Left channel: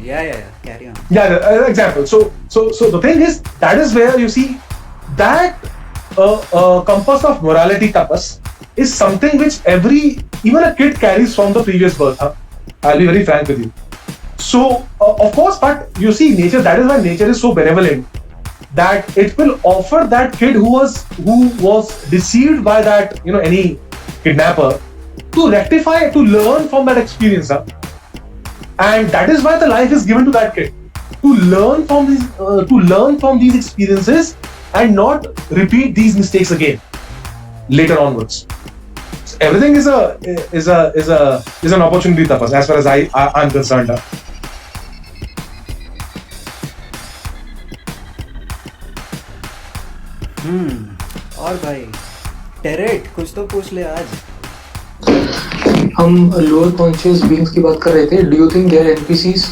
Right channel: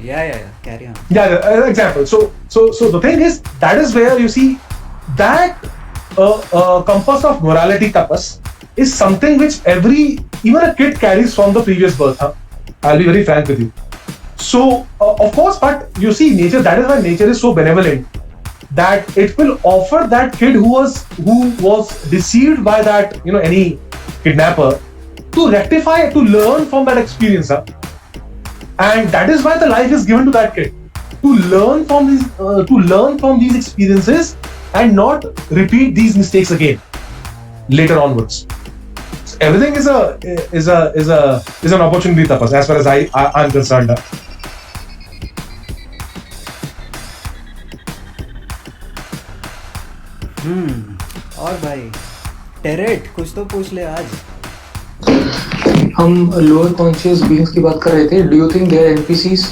Yeah. Carry on. Yeah, exactly. So the thing is, that is where you see that compass of morality tapas is something which even a kid carries from the previous birth. Huh? I'll be very frank with you. So of course, but you see, nature. That is why nature is so benevolent that it will offer that kid who was deceived by that any kidnapper to rectify, to learn from that experience. Huh? And that is why the life is given to that kid to learn from these experiences and not repeat these mistakes again later onwards. So everything is an opportunity, Tapas, as far as I'm concerned. और भाई टेरेट कुछ तो पूछ ले आज. हम lower conscious beings की बात कर रहे थे. Do you think they are NPCs?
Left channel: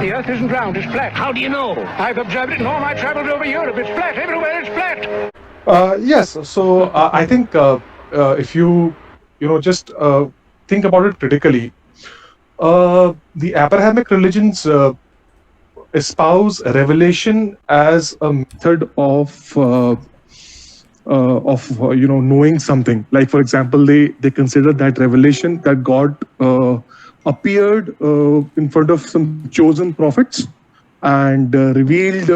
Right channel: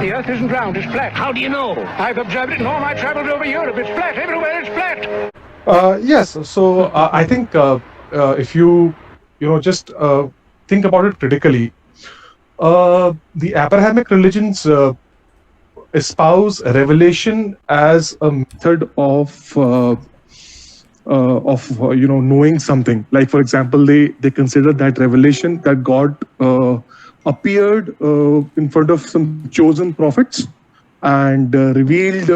The earth isn't round, it's flat. How do you know? I've observed it in all my travels over Europe. It's flat. Everywhere it's flat. Yes. So I think if you just think about it critically, the Abrahamic religions espouse revelation as a method of knowing something. Like, for example, they consider that revelation that God appeared in front of some chosen prophets and revealed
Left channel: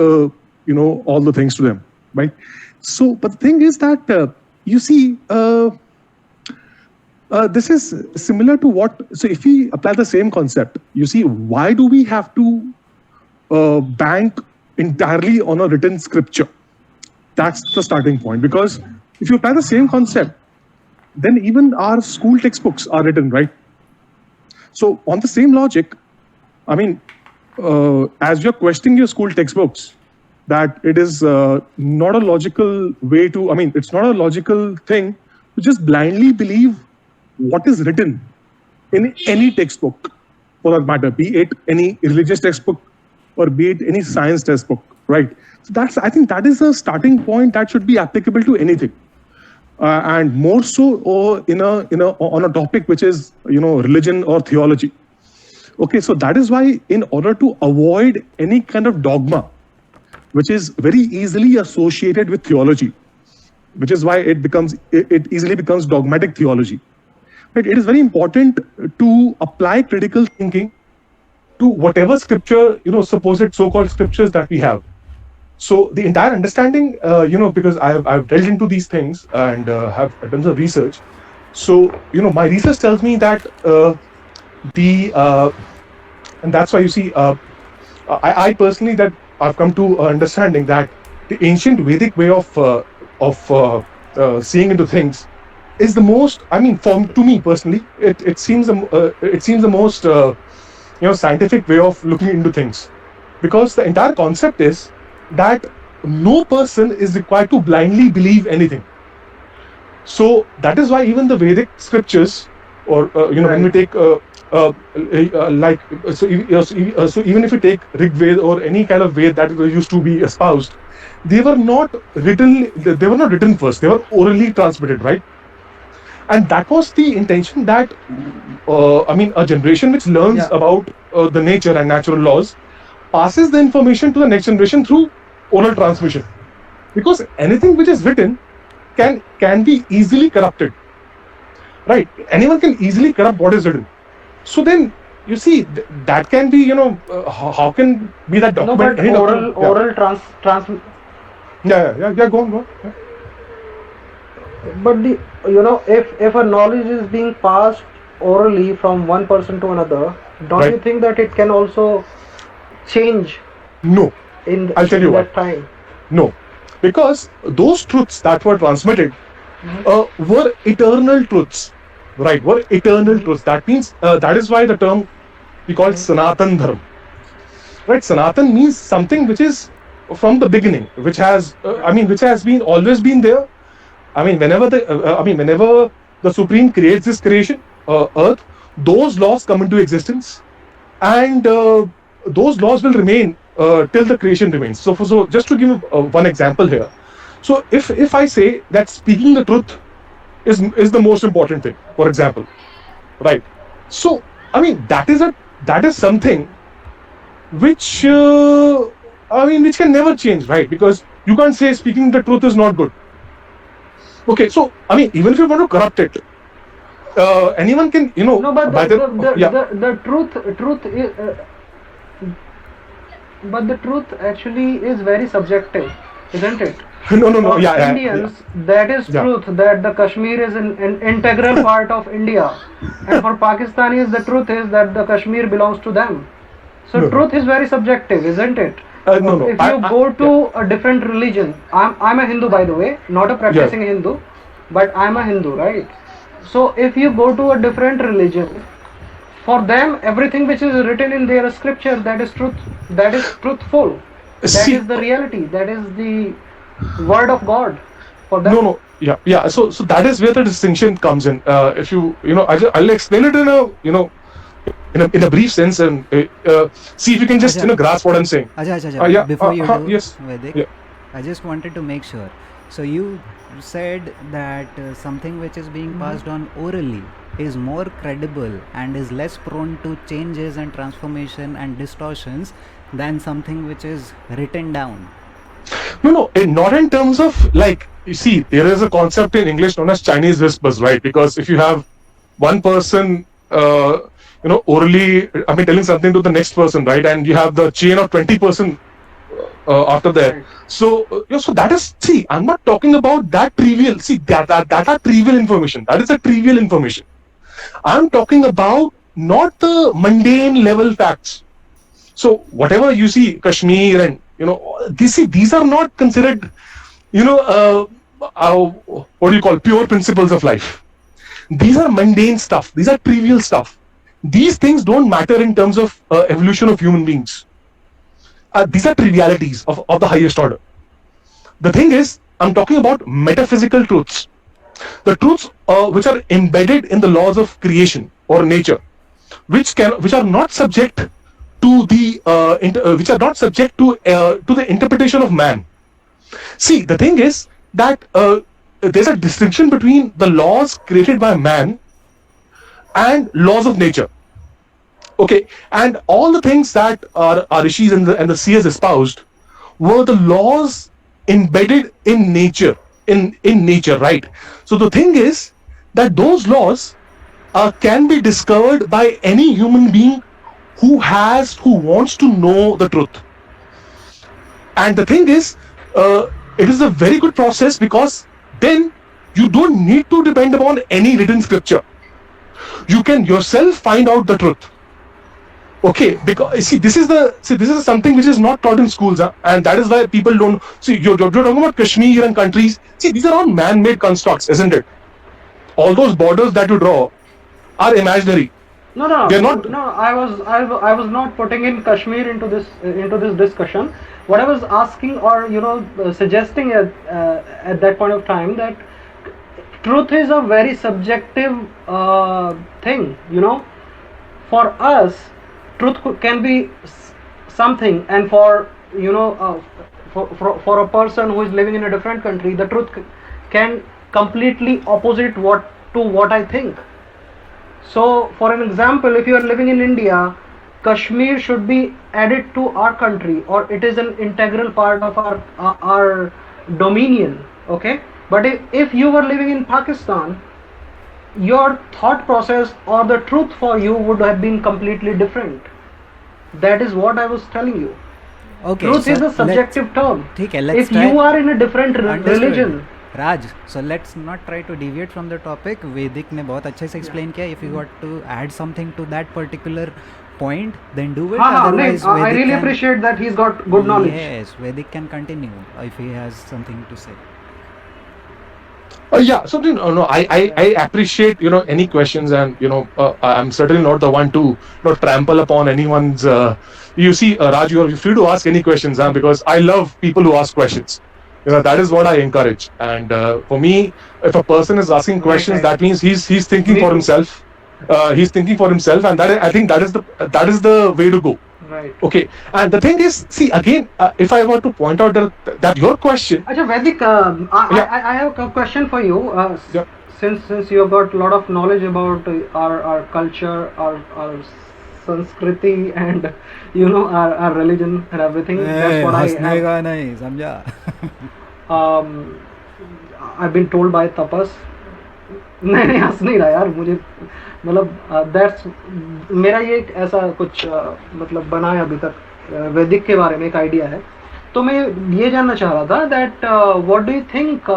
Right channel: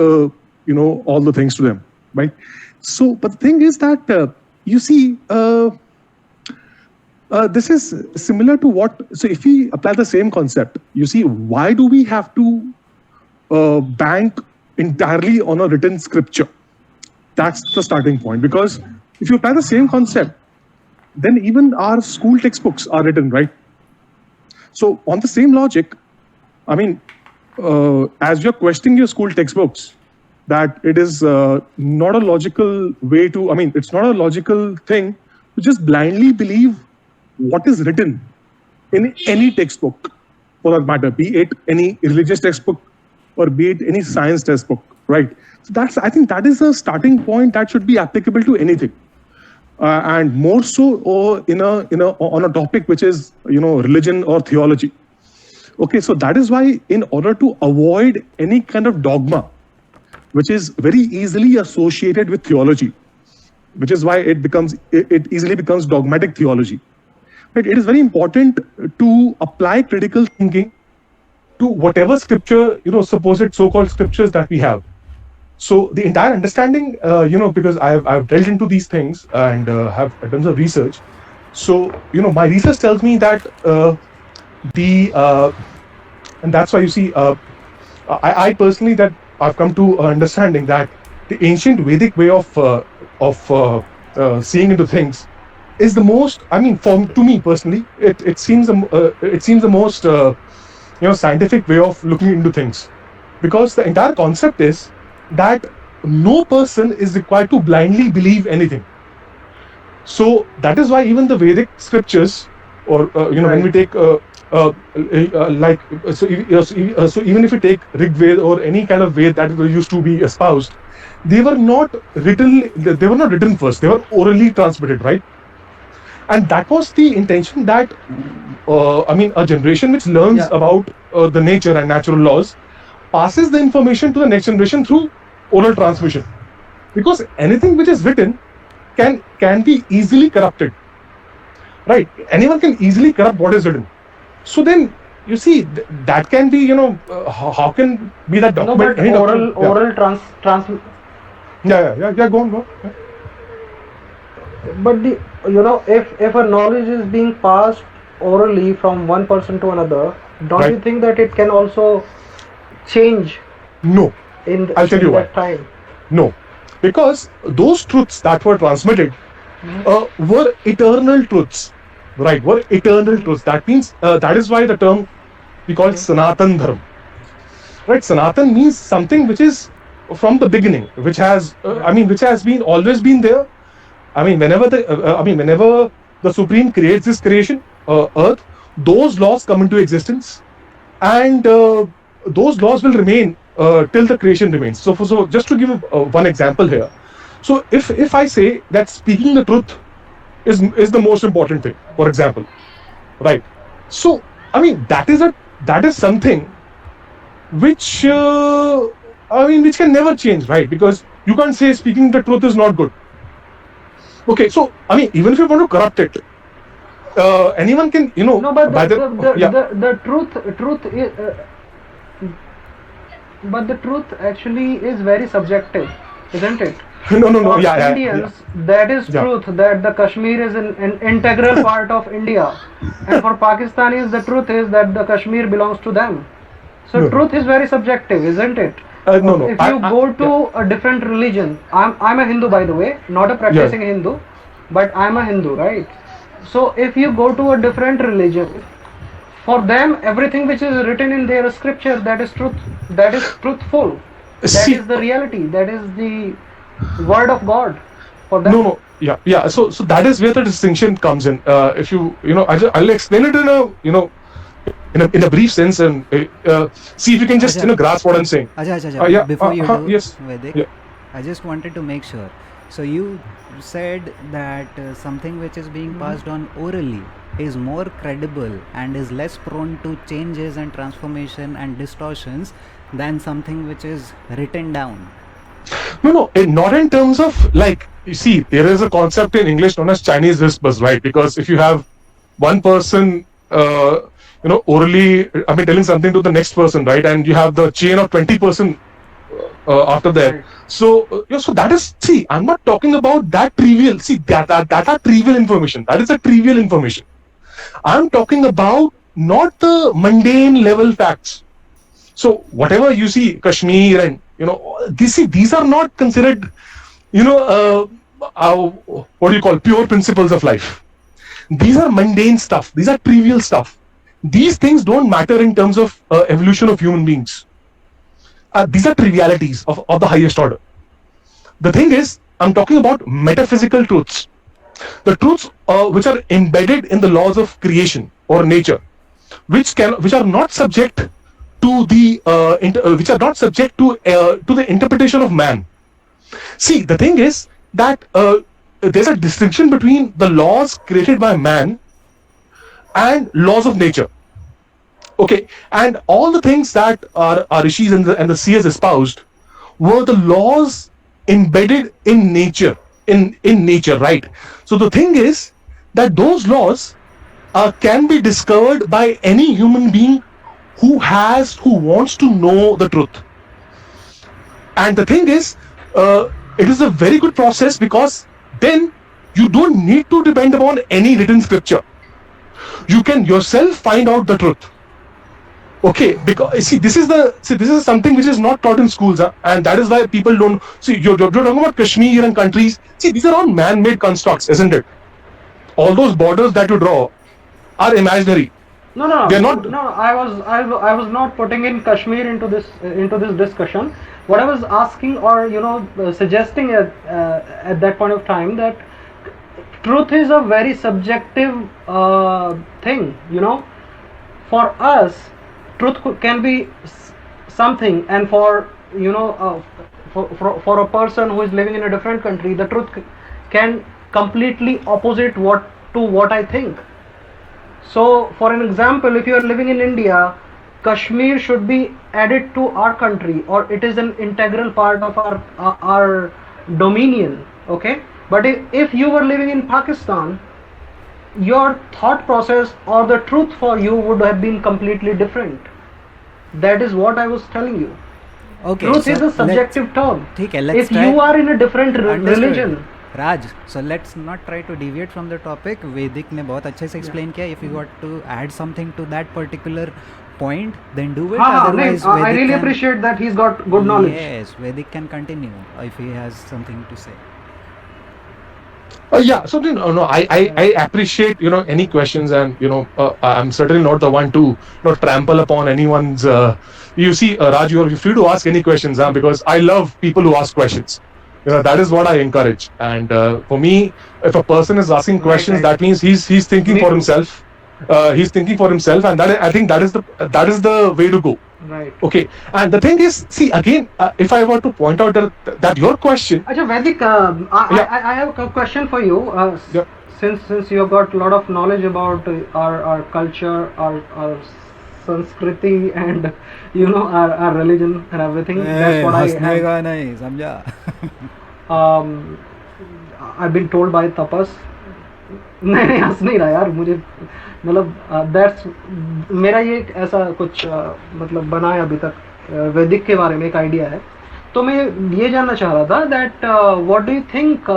all the things to them, right? So but the thing is that you see this is similar to what, so if we apply the same concept, you see, why do we have to bank entirely on a written scripture? That's the starting point. Because if you apply the same concept, then even our school textbooks are written, right? So on the same logic, I mean, as you're questioning your school textbooks, that it is not a logical way to, I mean, it's not a logical thing to just blindly believe what is written in any textbook, for that matter, be it any religious textbook or be it any science textbook, right? So I think that is a starting point that should be applicable to anything. And more so on a topic which is religion or theology. Okay, so that is why, in order to avoid any kind of dogma which is very easily associated with theology, which is why it easily becomes dogmatic theology, right? It is very important to apply critical thinking to whatever scripture, supposed so-called scriptures that we have. So the entire understanding, because I've delved into these things and have done some research. So my research tells me that and that's why you see, I personally, that I've come to understanding that the ancient Vedic way of seeing into things is the most. I mean, to me personally, it seems the most scientific way of looking into things, because the entire concept is that no person is required to blindly believe anything. So that is why even the Vedic scriptures, or when we take so even if you take Rig Veda or any kind of Veda that used to be espoused, they were not written first. They were orally transmitted, right? And that was the intention, that a generation which learns about the nature and natural laws passes the information to the next generation through oral transmission, because anything which is written can be easily corrupted, right? Anyone can easily corrupt what is written. So then you see that can be, how can be that document? No, but oral trans. Yeah. Go on. Yeah. But if a knowledge is being passed orally from one person to another, don't you think that it can also change? No. I'll tell you that why. Time? No, because those truths that were transmitted were eternal truths, right? Were eternal truths. That means that is why the term we call Sanatan Dharma, right? Sanatan means something which is from the beginning, which has been always been there. I mean, whenever the Supreme creates this creation, Earth. Those laws come into existence, and those laws will remain till the creation remains. So just to give one example here. So if I say that speaking the truth is the most important thing, for example, right? So I mean that is something which which can never change, right? Because you can't say speaking the truth is not good. Okay, so I mean even if you want to corrupt it, anyone can, No, but by the truth is, but the truth actually is very subjective, isn't it? no, For yeah, Indians, that is Yeah. truth, that the Kashmir is an integral part of India, and for Pakistanis, the truth is that the Kashmir belongs to them. So No. truth is very subjective, isn't it? No, If you go to a different religion, I'm a Hindu, by the way, not a practicing Hindu, but I'm a Hindu, right? So if you go to a different religion, for them everything which is written in their scripture, that is truth, that is truthful, that See- is the reality, that is the word of God for them. No, yeah. So that is where the distinction comes in. If I'll explain it in a brief sense, and see if you can just Ajay. grasp what I'm saying. Ajay, Yeah, before you do, yes, Vedic, yeah. I just wanted to make sure. So you said that something which is being passed on orally is more credible and is less prone to changes and transformation and distortions than something which is written down. No, not in terms of, like, you see, there is a concept in English known as Chinese whispers, right? Because if you have one person, orally, telling something to the next person, right, and you have the chain of 20% after that. Right. So that is, see, I'm not talking about that trivial. See, that are trivial information. That is a trivial information. I'm talking about not the mundane level facts. So whatever you see, Kashmir and these are not considered, what do you call, pure principles of life. These are mundane stuff. These are trivial stuff. These things don't matter in terms of evolution of human beings. These are trivialities of the highest order. The thing is, I'm talking about metaphysical truths. The truths which are embedded in the laws of creation or nature, which are not subject to the interpretation of man. See, the thing is that there's a distinction between the laws created by man and laws of nature. Okay, and all the things that our rishis and the seers espoused were the laws embedded in nature, in nature, right? So the thing is that those laws can be discovered by any human being who wants to know the truth. And the thing is, it is a very good process, because then you don't need to depend upon any written scripture. You can yourself find out the truth. Okay, because this is something which is not taught in schools, and that is why people don't see. You're talking about Kashmir and countries. See, these are all man-made constructs, isn't it? All those borders that you draw are imaginary. No, They're not- no. I was not putting in Kashmir into this discussion. What I was asking, or suggesting at that point of time, that truth is a very subjective thing. For us, truth can be something, and for for a person who is living in a different country, the truth can completely opposite what I think. So, for an example, if you are living in India, Kashmir should be added to our country, or it is an integral part of our dominion. Okay, but if you were living in Pakistan, your thought process or the truth for you would have been completely different. That is what I was telling you. Okay, Truth so is a subjective term. ठीक है, let's If try. you are in a different Understood. religion, Raj, so let's not try to deviate from the topic. Vedic ने बहुत अच्छे से explain किया. If you got to add something to that particular point, then do it. Otherwise, I Vedic really can, appreciate that he's got good knowledge. Yes, Vedic can continue if he has something to say. Yeah, so I appreciate any questions, and I'm certainly not the one to trample upon anyone's. You see, Raj, you're free to ask any questions, because I love people who ask questions. That is what I encourage. And for me, if a person is asking questions, right. that means he's thinking Me for too. himself. He's thinking for himself, and I think that is the way to go. Right. Okay. And the thing is, see again, if I were to point out that your question, Acha, Vedic, Yeah. I have a question for you. Yeah. Since you have got a lot of knowledge about our culture, our Sanskriti, and our religion and everything. That's what I have. हंसने नहीं समझा I've been told by Tapas. नहीं हंस नहीं रहा यार मुझे मतलब दैट्स मेरा ये एक ऐसा कुछ मतलब बना है अभी तक वैदिक के बारे में एक आइडिया है तो मैं ये जानना चाह रहा था that what do you think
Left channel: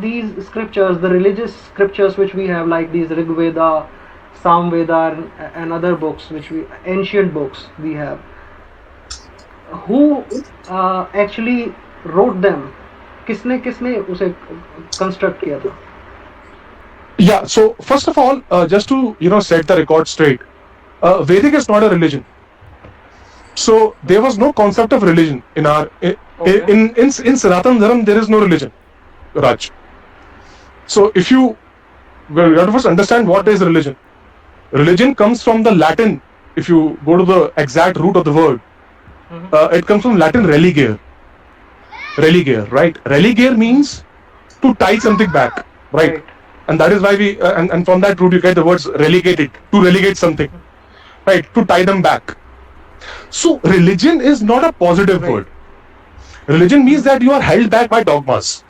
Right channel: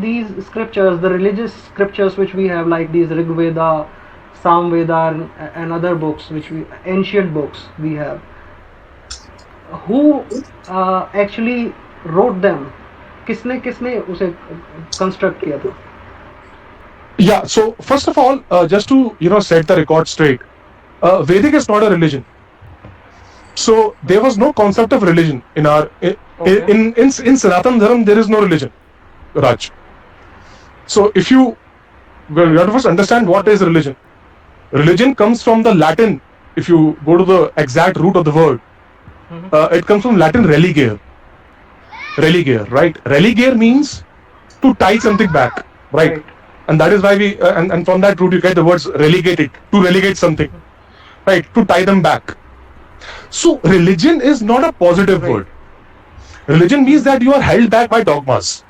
these scriptures the religious scriptures which we have like these Rigveda Samaveda and other books which we ancient books we have who actually wrote them किसने किसने उसे कंस्ट्रक्ट किया था yeah. So first of all, just to set the record straight, Vedic is not a religion. So there was no concept of religion in our in Sanatan Dharma. There is no religion, Raj. So if you have to first understand what is religion. Religion comes from the Latin. If you go to the exact root of the word, it comes from Latin religare. Religare, right? Religare means to tie something back, right? And that is why we and from that root you get the words relegated, to relegate something, right? To tie them back. So religion is not a positive word. Religion means that you are held back by dogmas.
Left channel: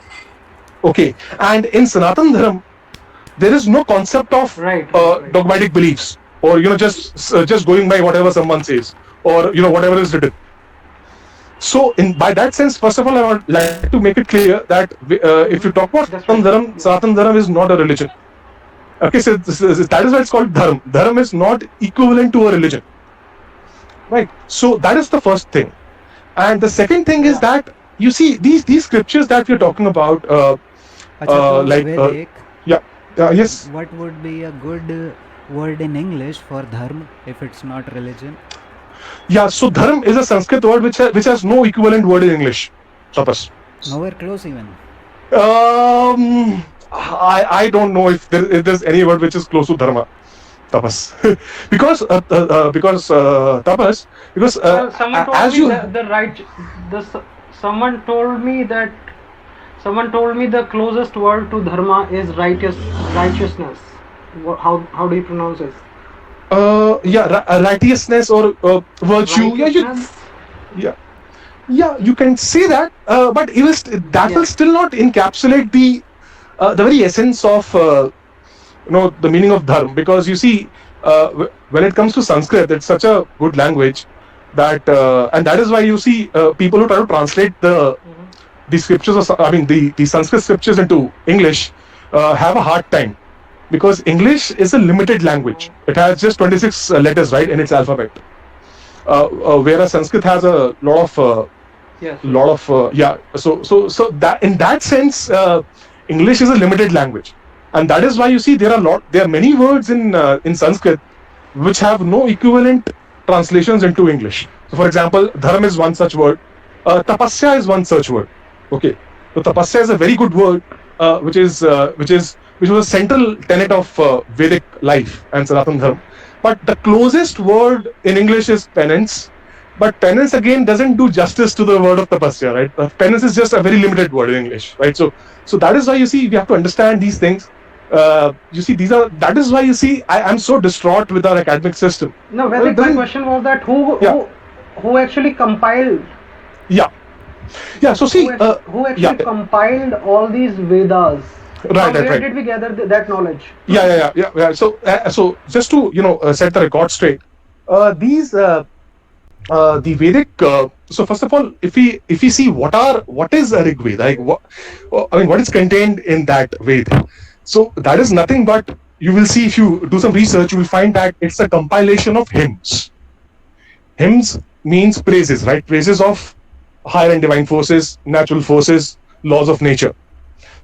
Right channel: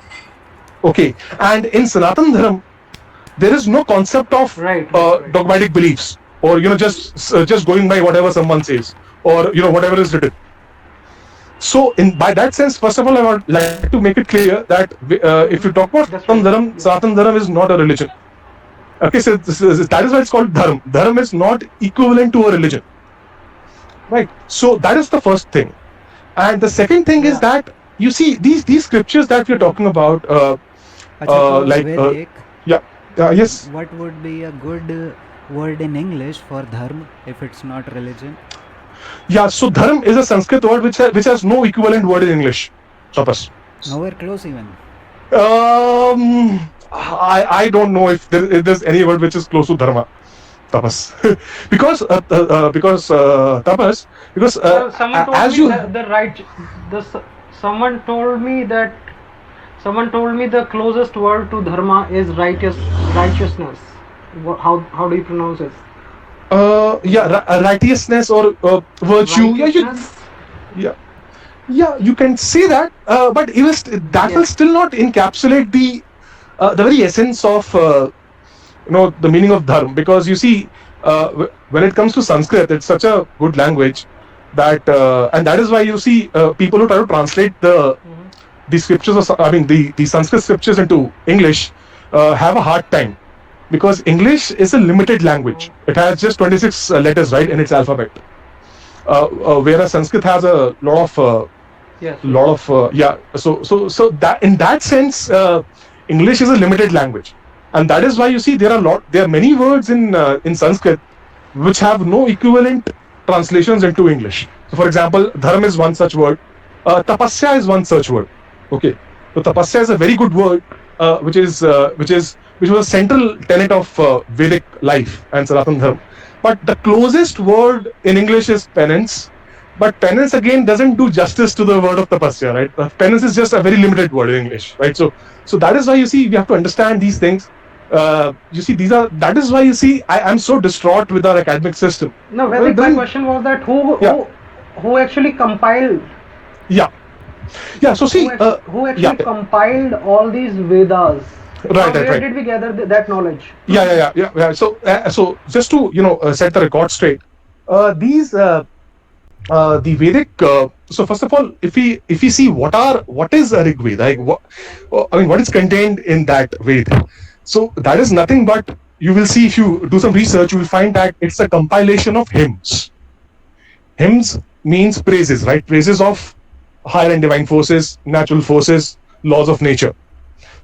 Okay, and in Sanatan Dharma, there is no concept of Right. dogmatic beliefs, or just going by whatever someone says, or whatever is written. So by that sense, first of all, I would like to make it clear that if you talk about Sanatan Dharma is not a religion. Okay, so that is why it's called Dharma. Dharma is not equivalent to a religion, right? So that is the first thing, and the second thing is that you see these scriptures that we are talking about, अच्छा तो like वैदिक yes. what would be a good word in English for dharma if it's not religion? Yeah, so dharma is a Sanskrit word which has no equivalent word in English. Tapas. Nowhere close even. I don't know if there's any word which is close to dharma. Tapas. because Tapas, because someone told as me you someone told me the closest word to dharma is righteousness. How do you pronounce it? Righteousness or virtue. Righteousness? Yeah, you can say that, but even that will still not encapsulate the very essence of the meaning of dharma, because you see, when it comes to Sanskrit, it's such a good language that and that is why you see people who try to translate the scriptures, the Sanskrit scriptures into English have a hard time, because English is a limited language. It has just 26 letters, right, in its alphabet, whereas Sanskrit has a lot of so that in that sense English is a limited language, and that is why you see there are many words in Sanskrit which have no equivalent translations into English. So for example, dharma is one such word, tapasya is one such word. Okay, so tapasya is a very good word, which was a central tenet of Vedic life and Sanatana Dharma. But the closest word in English is penance. But penance again doesn't do justice to the word of tapasya, right? Penance is just a very limited word in English, right? So that is why you see we have to understand these things. That is why you see I'm so distraught with our academic system. No, my question was that who actually compiled? Yeah. So see, who actually compiled all these Vedas? Right. Where did we gather that knowledge? Yeah. So just to set the record straight, the Vedic. So first of all, if we see what is a Rig Veda, like what is contained in that Veda. So that is nothing but, you will see if you do some research, you will find that it's a compilation of hymns. Hymns means praises, right? Praises of higher and divine forces, natural forces, laws of nature.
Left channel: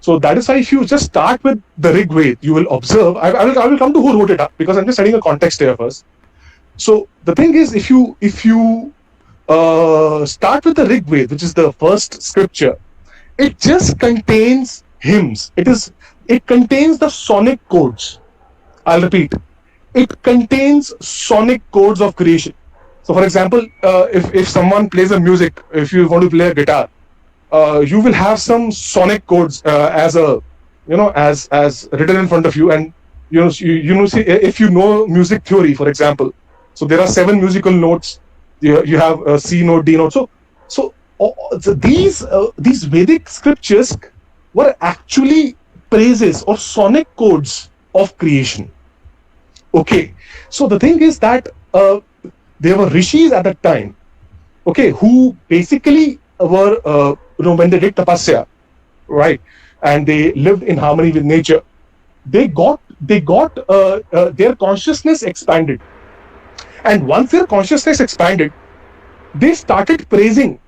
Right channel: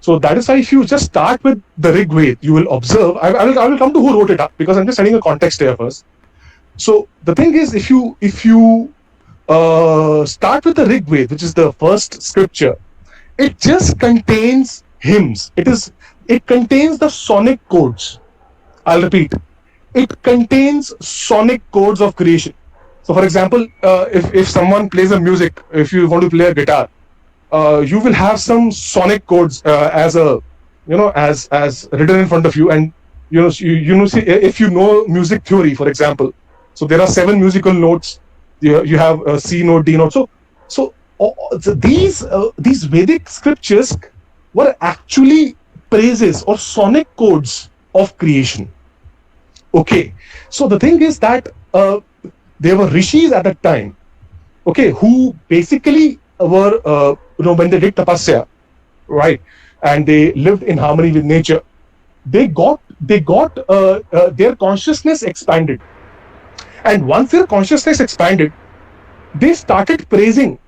So that is why if you just start with the Rig Veda, you will observe. I will come to who wrote it up, because I'm just setting a context here first. So the thing is, if you start with the Rig Veda, which is the first scripture, it just contains hymns. It contains the sonic codes. I'll repeat. It contains sonic codes of creation. So, for example, if someone plays a music, if you want to play a guitar, you will have some sonic codes as a, as written in front of you, and see, if you know music theory, for example, so there are 7 musical notes. You have a C note, D note. So these Vedic scriptures were actually praises or sonic codes of creation. Okay, so the thing is that there were rishis at that time, okay, who basically were, when they did tapasya, right, and they lived in harmony with nature, they got their consciousness expanded, and once their consciousness expanded, they started praising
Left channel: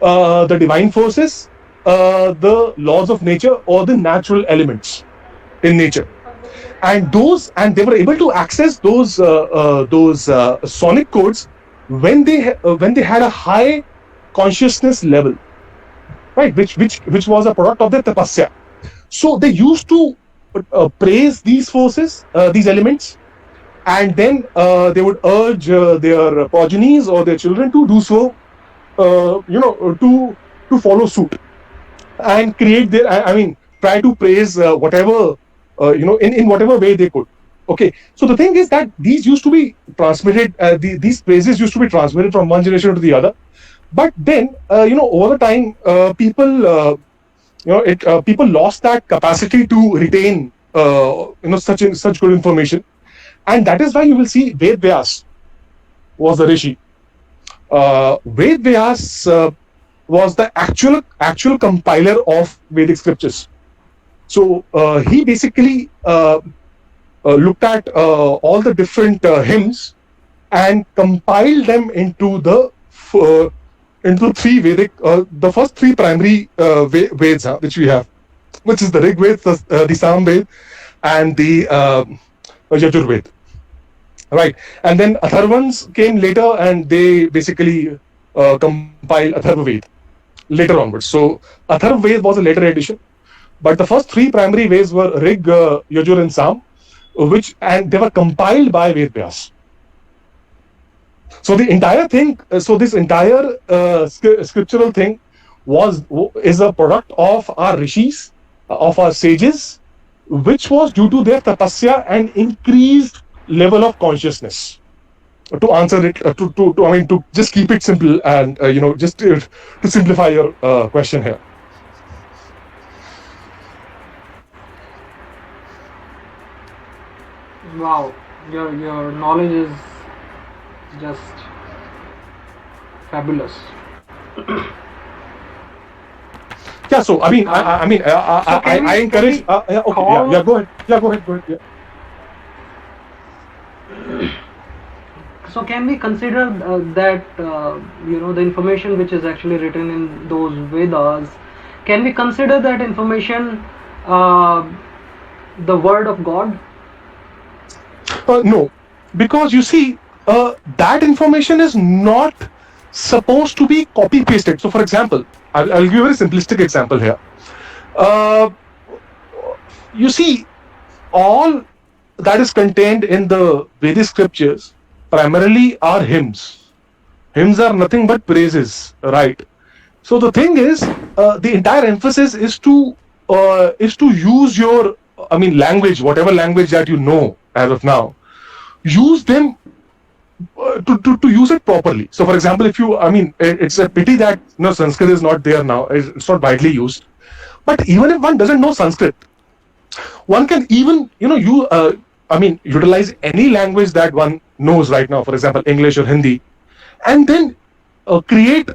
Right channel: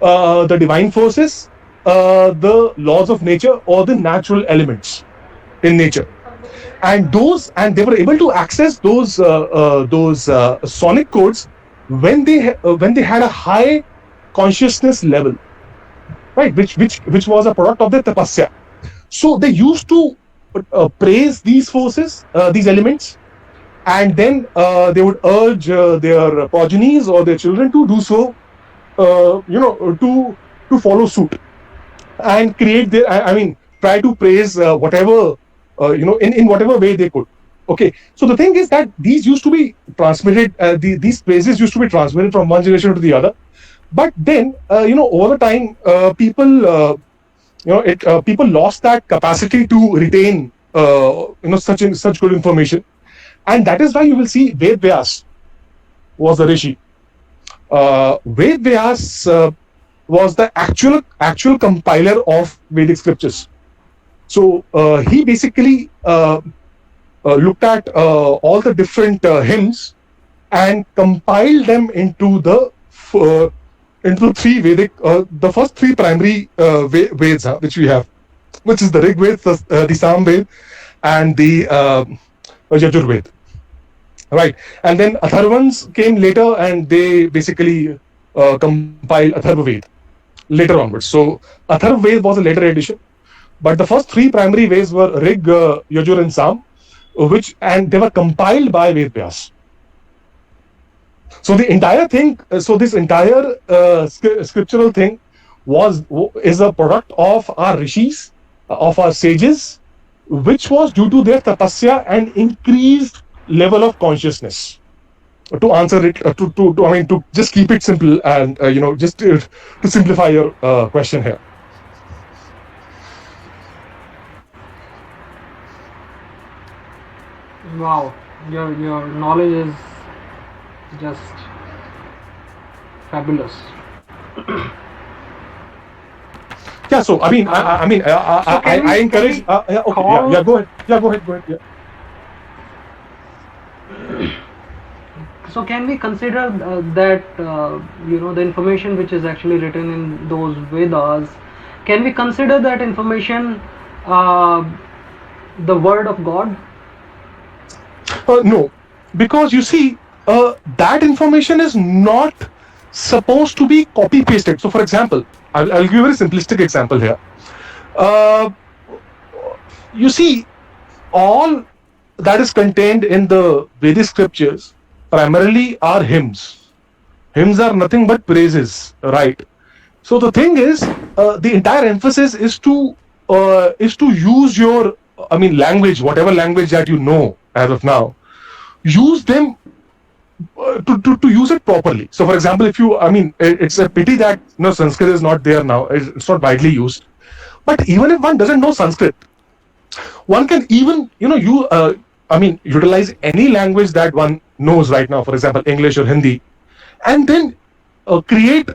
the divine forces, the laws of nature, or the natural elements in nature. And they were able to access those sonic codes when they had a high consciousness level, right, which was a product of their tapasya. So they used to praise these forces, these elements, and then they would urge their progenies or their children to do so, to follow suit and create try to praise whatever, in whatever way they could. Okay, so the thing is that these used to be transmitted, these praises used to be transmitted from one generation to the other. But then, over the time, people lost that capacity to retain, such good information, and that is why you will see Ved Vyas was the rishi. Ved Vyas was the actual compiler of Vedic scriptures. So he basically looked at all the different hymns and compiled them into the 3 Vedic, the first 3 primary Veds which we have, which is the Rig Ved, the Sam Ved, and the Yajur Ved. Right, and then Atharvans came later, and they basically compiled Atharva Ved later onwards. So Atharva Ved was a later edition, but the first 3 primary Veds were Rig, Yajur, and Sam, and they were compiled by Ved Vyas. So the entire thing, this entire scriptural thing is a product of our rishis, of our sages, which was due to their tapasya and increased level of consciousness. To answer it, to just keep it simple, and just to simplify your question here. Wow, your knowledge is just fabulous. Yeah, so I encourage. Go ahead. Yeah. So can we consider that the information which is actually written in those Vedas, can we consider that information the word of God? No, because you see, that information is not supposed to be copy pasted. So, for example, I'll give you a very simplistic example here. You see, all that is contained in the Vedic scriptures primarily are hymns. Hymns are nothing but praises, right? So the thing is, the entire emphasis is to use your, language, whatever language that you know as of now, use them to use it properly. So, for example, if you, it's a pity that Sanskrit is not there now. It's not widely used. But even if one doesn't know Sanskrit, one can even, utilize any language that one knows right now, for example, English or Hindi, and then create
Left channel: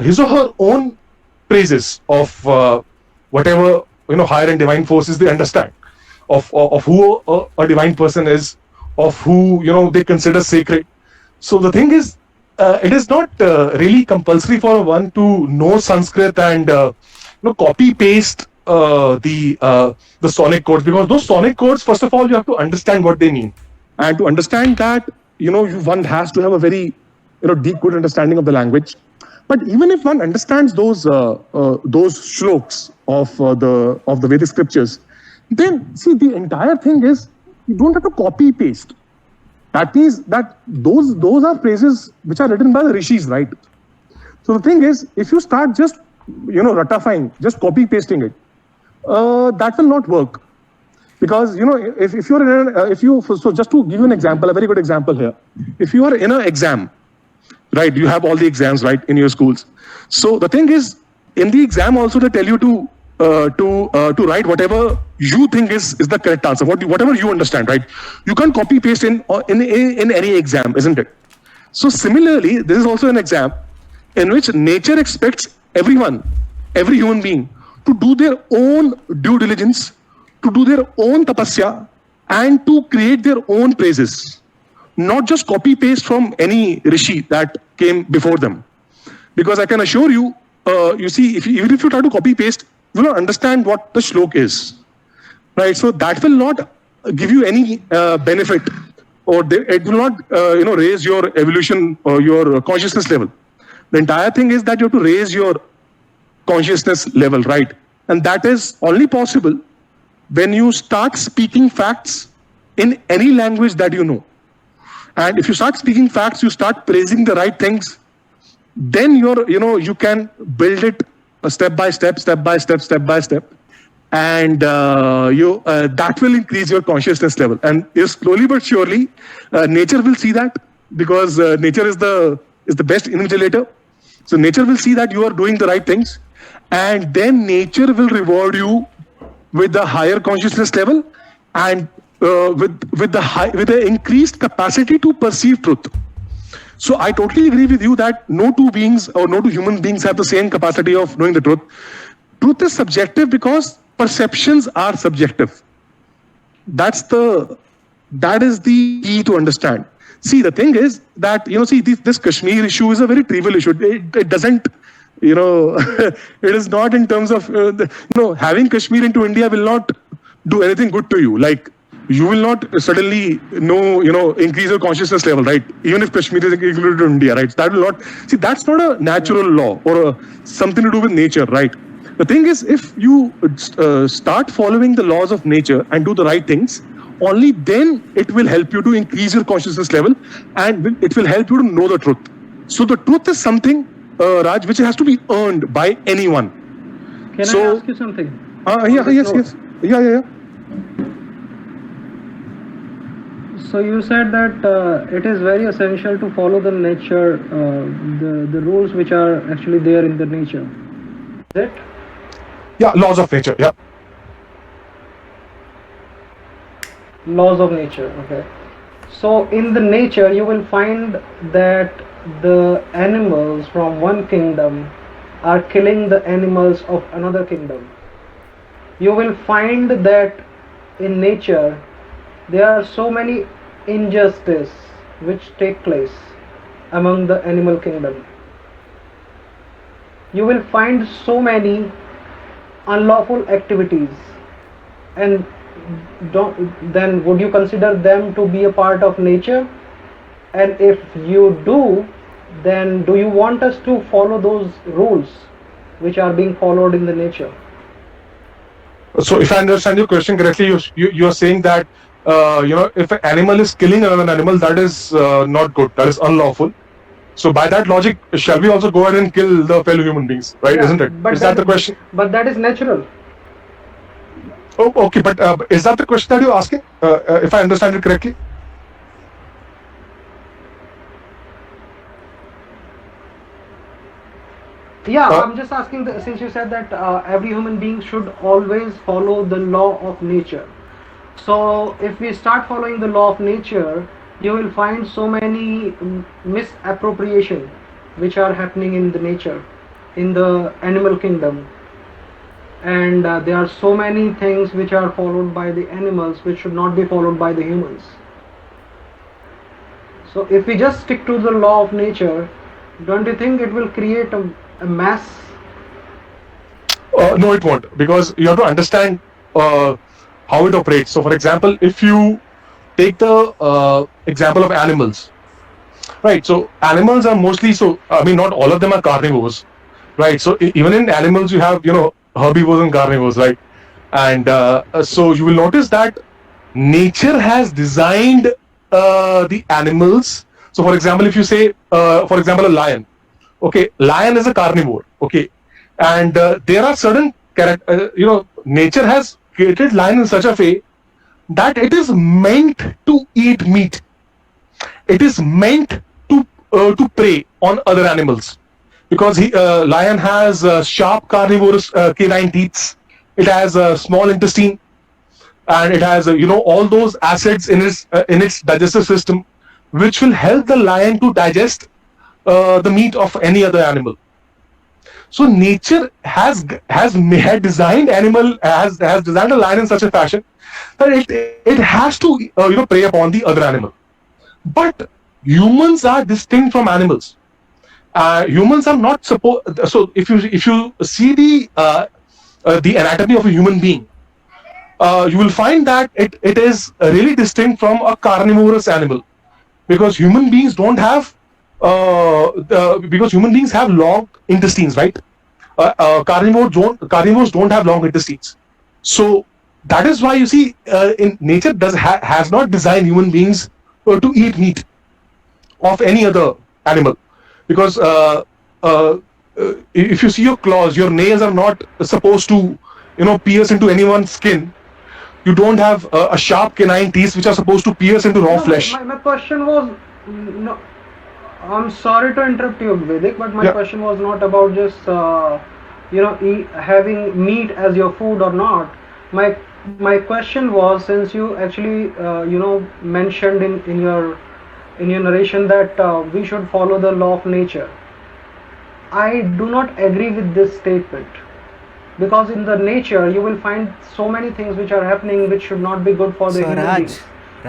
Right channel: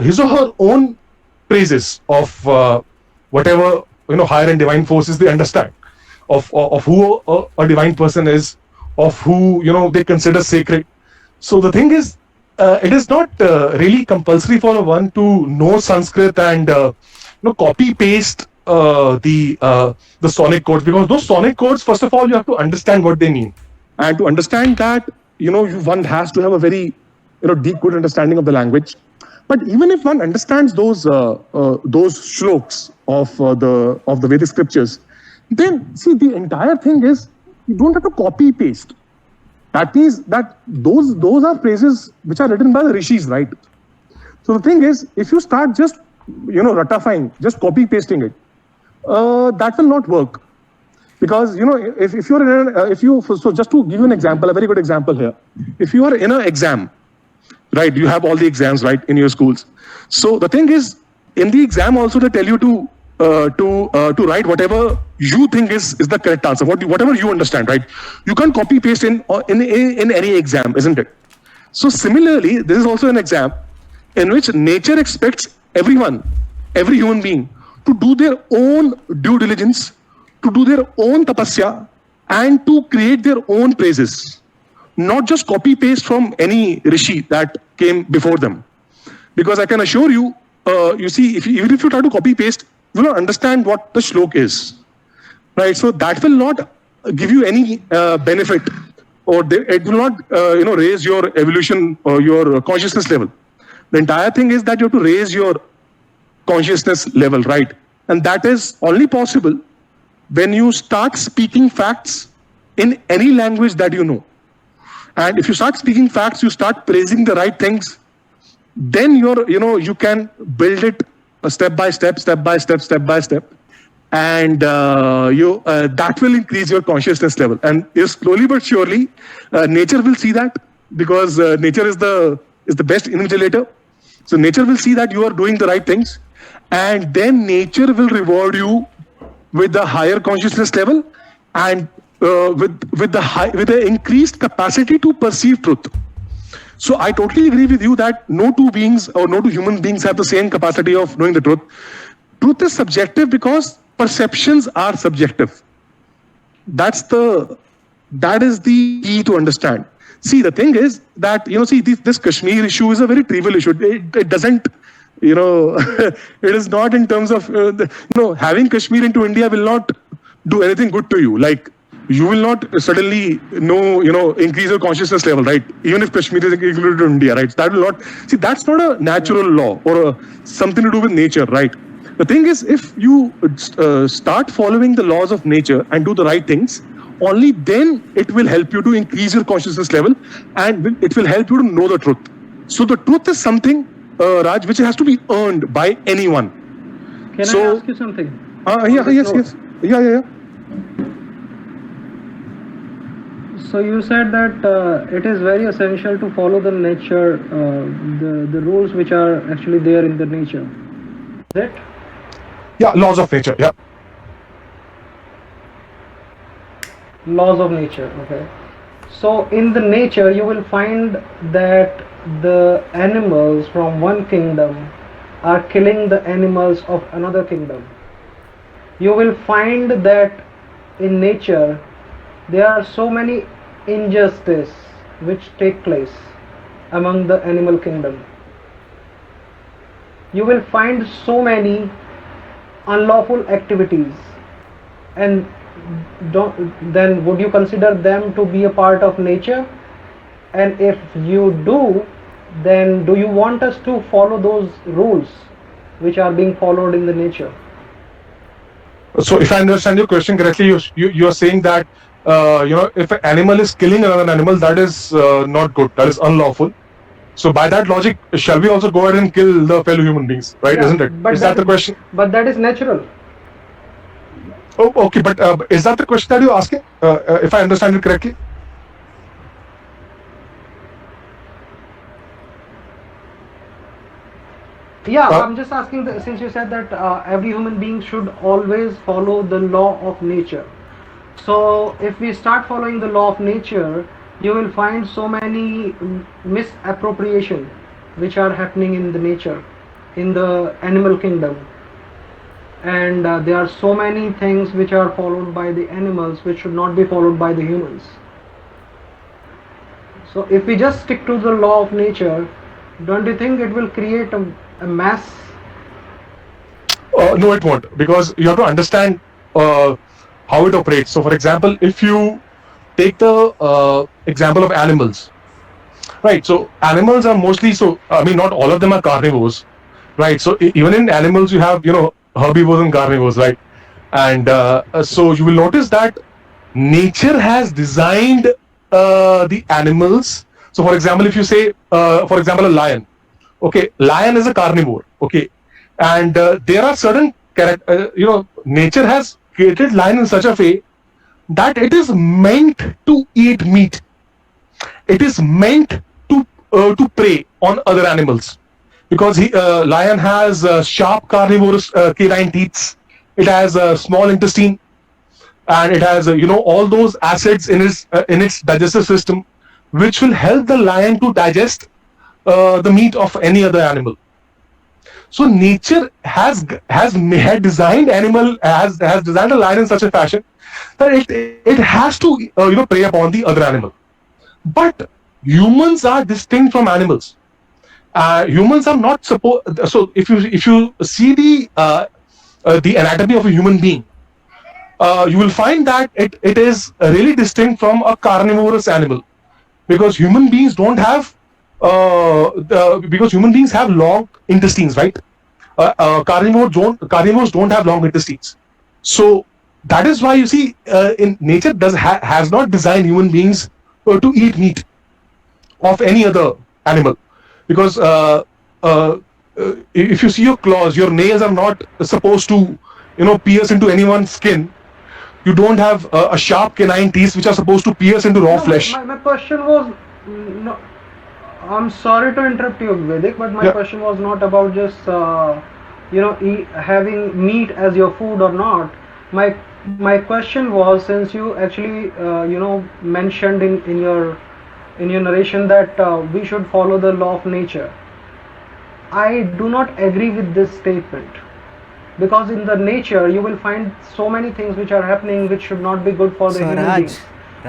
his or her own praises of whatever, higher and divine forces they understand, of who a divine person is, of who, they consider sacred. So the thing is, it is not really compulsory for one to know Sanskrit and, copy paste the sonic codes, because those sonic codes, first of all, you have to understand what they mean, and to understand that, one has to have a very deep, good understanding of the language. But even if one understands those shloks of the Vedic scriptures, then see the entire thing is you don't have to copy paste. That means that those are phrases which are written by the rishis, right? So the thing is, if you start just ratifying, just copy pasting it, that will not work. Because if you're in so just to give you an example, a very good example here, if you are in an exam, right, you have all the exams right in your schools. So the thing is, in the exam also they tell you to write whatever you think is the correct answer, whatever you understand, right? You can't copy paste in any exam, isn't it? So similarly, this is also an exam in which nature expects everyone, every human being, to do their own due diligence, to do their own tapasya, and to create their own praises. Not just copy paste from any rishi that came before them. Because I can assure you, you see, even if you try to copy paste, you will not understand what the shlok is. Right? So that will not give you any benefit, or it will not raise your evolution or your consciousness level. The entire thing is that you have to raise your consciousness level, right? And that is only possible when you start speaking facts in any language that you know. And if you start speaking facts, you start praising the right things, then you can build it step by step, and that will increase your consciousness level. And slowly but surely, nature will see that, because nature is the best invigilator. So nature will see that you are doing the right things, and then nature will reward you with the higher consciousness level and with the increased capacity to perceive truth. So I totally agree with you that no two beings or no two human beings have the same capacity of knowing the truth. Truth is subjective because perceptions are subjective. That is the key to understand. See, the thing is that, this Kashmir issue is a very trivial issue. It doesn't, it is not in terms of, having Kashmir into India will not do anything good to you. Like, you will not suddenly increase your consciousness level, right? Even if Kashmir is included in India, right? That will not, see, that's not a natural law or something to do with nature, right? The thing is, if you start following the laws of nature and do the right things, only then it will help you to increase your consciousness level, and it will help you to know the truth. So the truth is something, Raj, which has to be earned by anyone. Can I ask you something? Yeah. So you said that it is very essential to follow the nature, the rules which are actually there in the nature. Is it? Yeah, laws of nature, yeah. Laws of nature, okay. So in the nature you will find that the animals from one kingdom are killing the animals of another kingdom. You will find that in nature there are so many injustice which take place among the animal kingdom. You will find so many unlawful activities, and then would you consider them to be a part of nature? And if you do, then do you want us to follow those rules which are being followed in the nature? So if I understand your question correctly, you're saying that if an animal is killing another animal, that is not good, that is unlawful. So by that logic, shall we also go ahead and kill the fellow human beings, right? Yeah, isn't it? Is that the question? But that is natural. Oh, okay, but is that the question that you're asking, if I understand it correctly? Yeah, I'm just asking, since you said that every human being should always follow the law of nature. So if we start following the law of nature, you will find so many misappropriation which are happening in the nature, in the animal kingdom. And there are so many things which are followed by the animals which should not be followed by the humans. So if we just stick to the law of nature, don't you think it will create a mess? No, it won't, because you have to understand how it operates. So for example, if you take the example of animals, Right. So animals are mostly I mean, not all of them are carnivores, right? So even in animals, you have herbivores and carnivores, right? And so you will notice that nature has designed the animals. So, for example, if you say, for example, a lion, okay, lion is a carnivore, okay, and there are certain nature has created lion in such a way that it is meant to eat meat. It is meant to prey on other animals because lion has sharp carnivorous canine teeth. It has a small intestine, and it has all those acids in its digestive system, which will help the lion to digest the meat of any other animal. So nature had designed has designed a lion in such a fashion that it has to prey upon the other animal. But humans are distinct from animals. Humans are not supposed. So if you see the anatomy of a human being, you will find that it is really distinct from a carnivorous animal, because human beings don't have because human beings have long intestines, right? Carnivores don't have long intestines. So that is why you see in nature has not designed human beings to eat meat of any other animal, because if you see your claws, your nails are not supposed to pierce into anyone's skin. You don't have a sharp canine teeth which are supposed to pierce into raw flesh. My question was, no, I'm sorry to interrupt you, Vedic, but my question was not about just having meat as your food or not. My question was, since you actually mentioned in your narration that we should follow the law of nature. I do not agree with this statement, because in the nature you will find so many things which are happening which should not be good for the human being.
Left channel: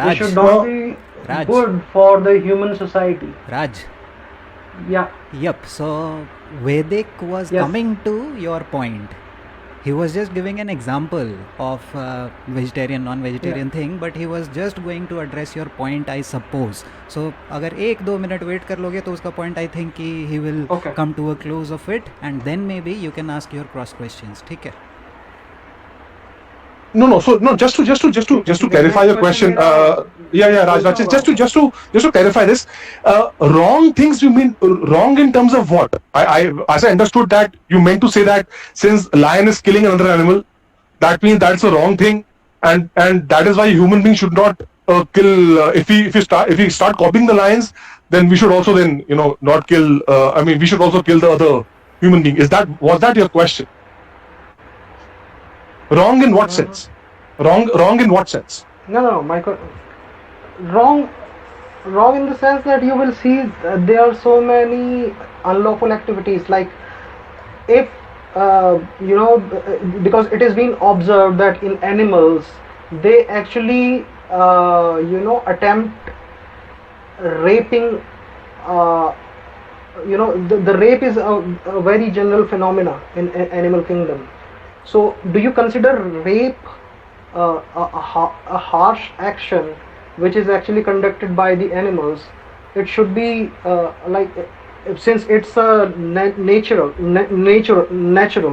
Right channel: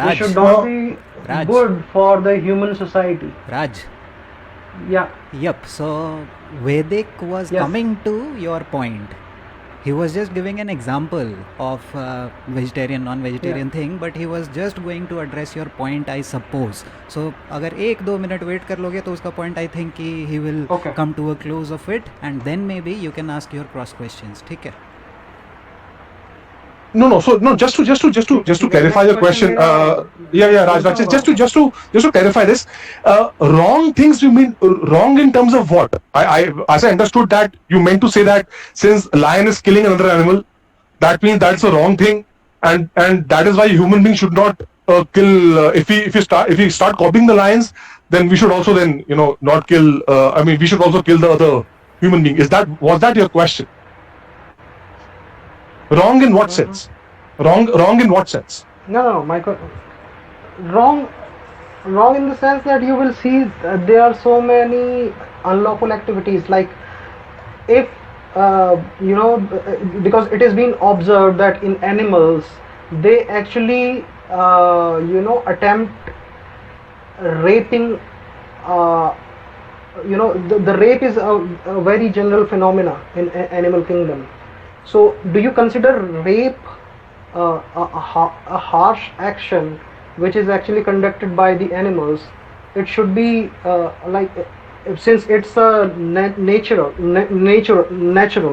Which should not be good for the human society. Raj. Yeah. Yep. So Vedic was coming to your point. He was just giving an example of vegetarian non-vegetarian thing, but he was just going to address your point, I suppose. So अगर 1-2 minute wait कर लोगे तो उसका point, I think he will come to a close of it, and then maybe you can ask your cross questions. ठीक है? No. So no, just to clarify your question. Raj. Just to clarify this. Wrong things you mean wrong in terms of what? As I understood that you meant to say that since lion is killing another animal, that means that's a wrong thing, and that is why human beings should not kill. If we start copying the lions, then we should also not kill. We should also kill the other human being. Was that your question? Wrong in what sense? Wrong in what sense? No. Wrong in the sense that you will see there are so many unlawful activities. Like if because it has been observed that in animals they actually attempt raping. The rape is a very general phenomena in animal kingdom. So, do you consider rape a harsh action which is actually conducted by the animals? It should be since it's a natural,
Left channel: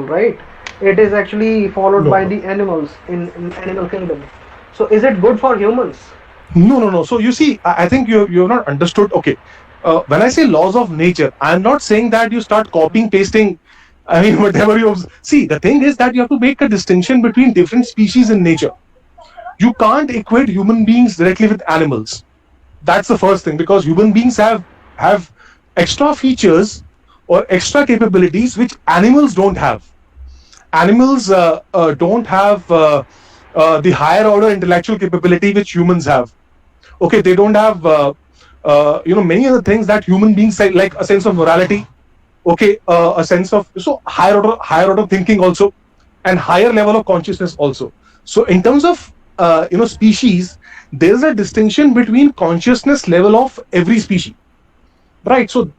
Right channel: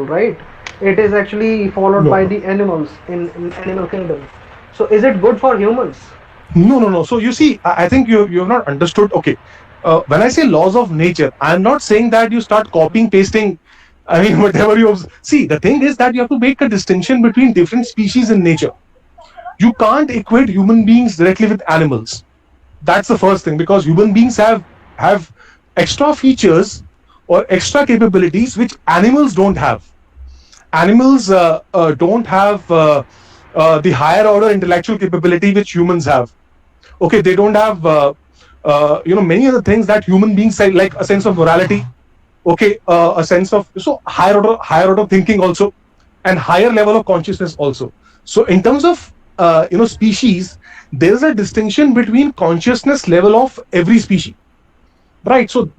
right? It is actually followed by the animals in animal kingdom. So, is it good for humans? No. So you see, I think you have not understood. Okay, when I say laws of nature, I am not saying that you start copying pasting. Whatever you see, the thing is that you have to make a distinction between different species in nature. You can't equate human beings directly with animals. That's the first thing, because human beings have extra features or extra capabilities which animals don't have. Animals don't have the higher order intellectual capability which humans have. Okay, they don't have many other things that human beings say, like a sense of morality. Okay, a sense of higher order thinking also, and higher level of consciousness also. So in terms of species, there is a distinction between consciousness level of every species, right? So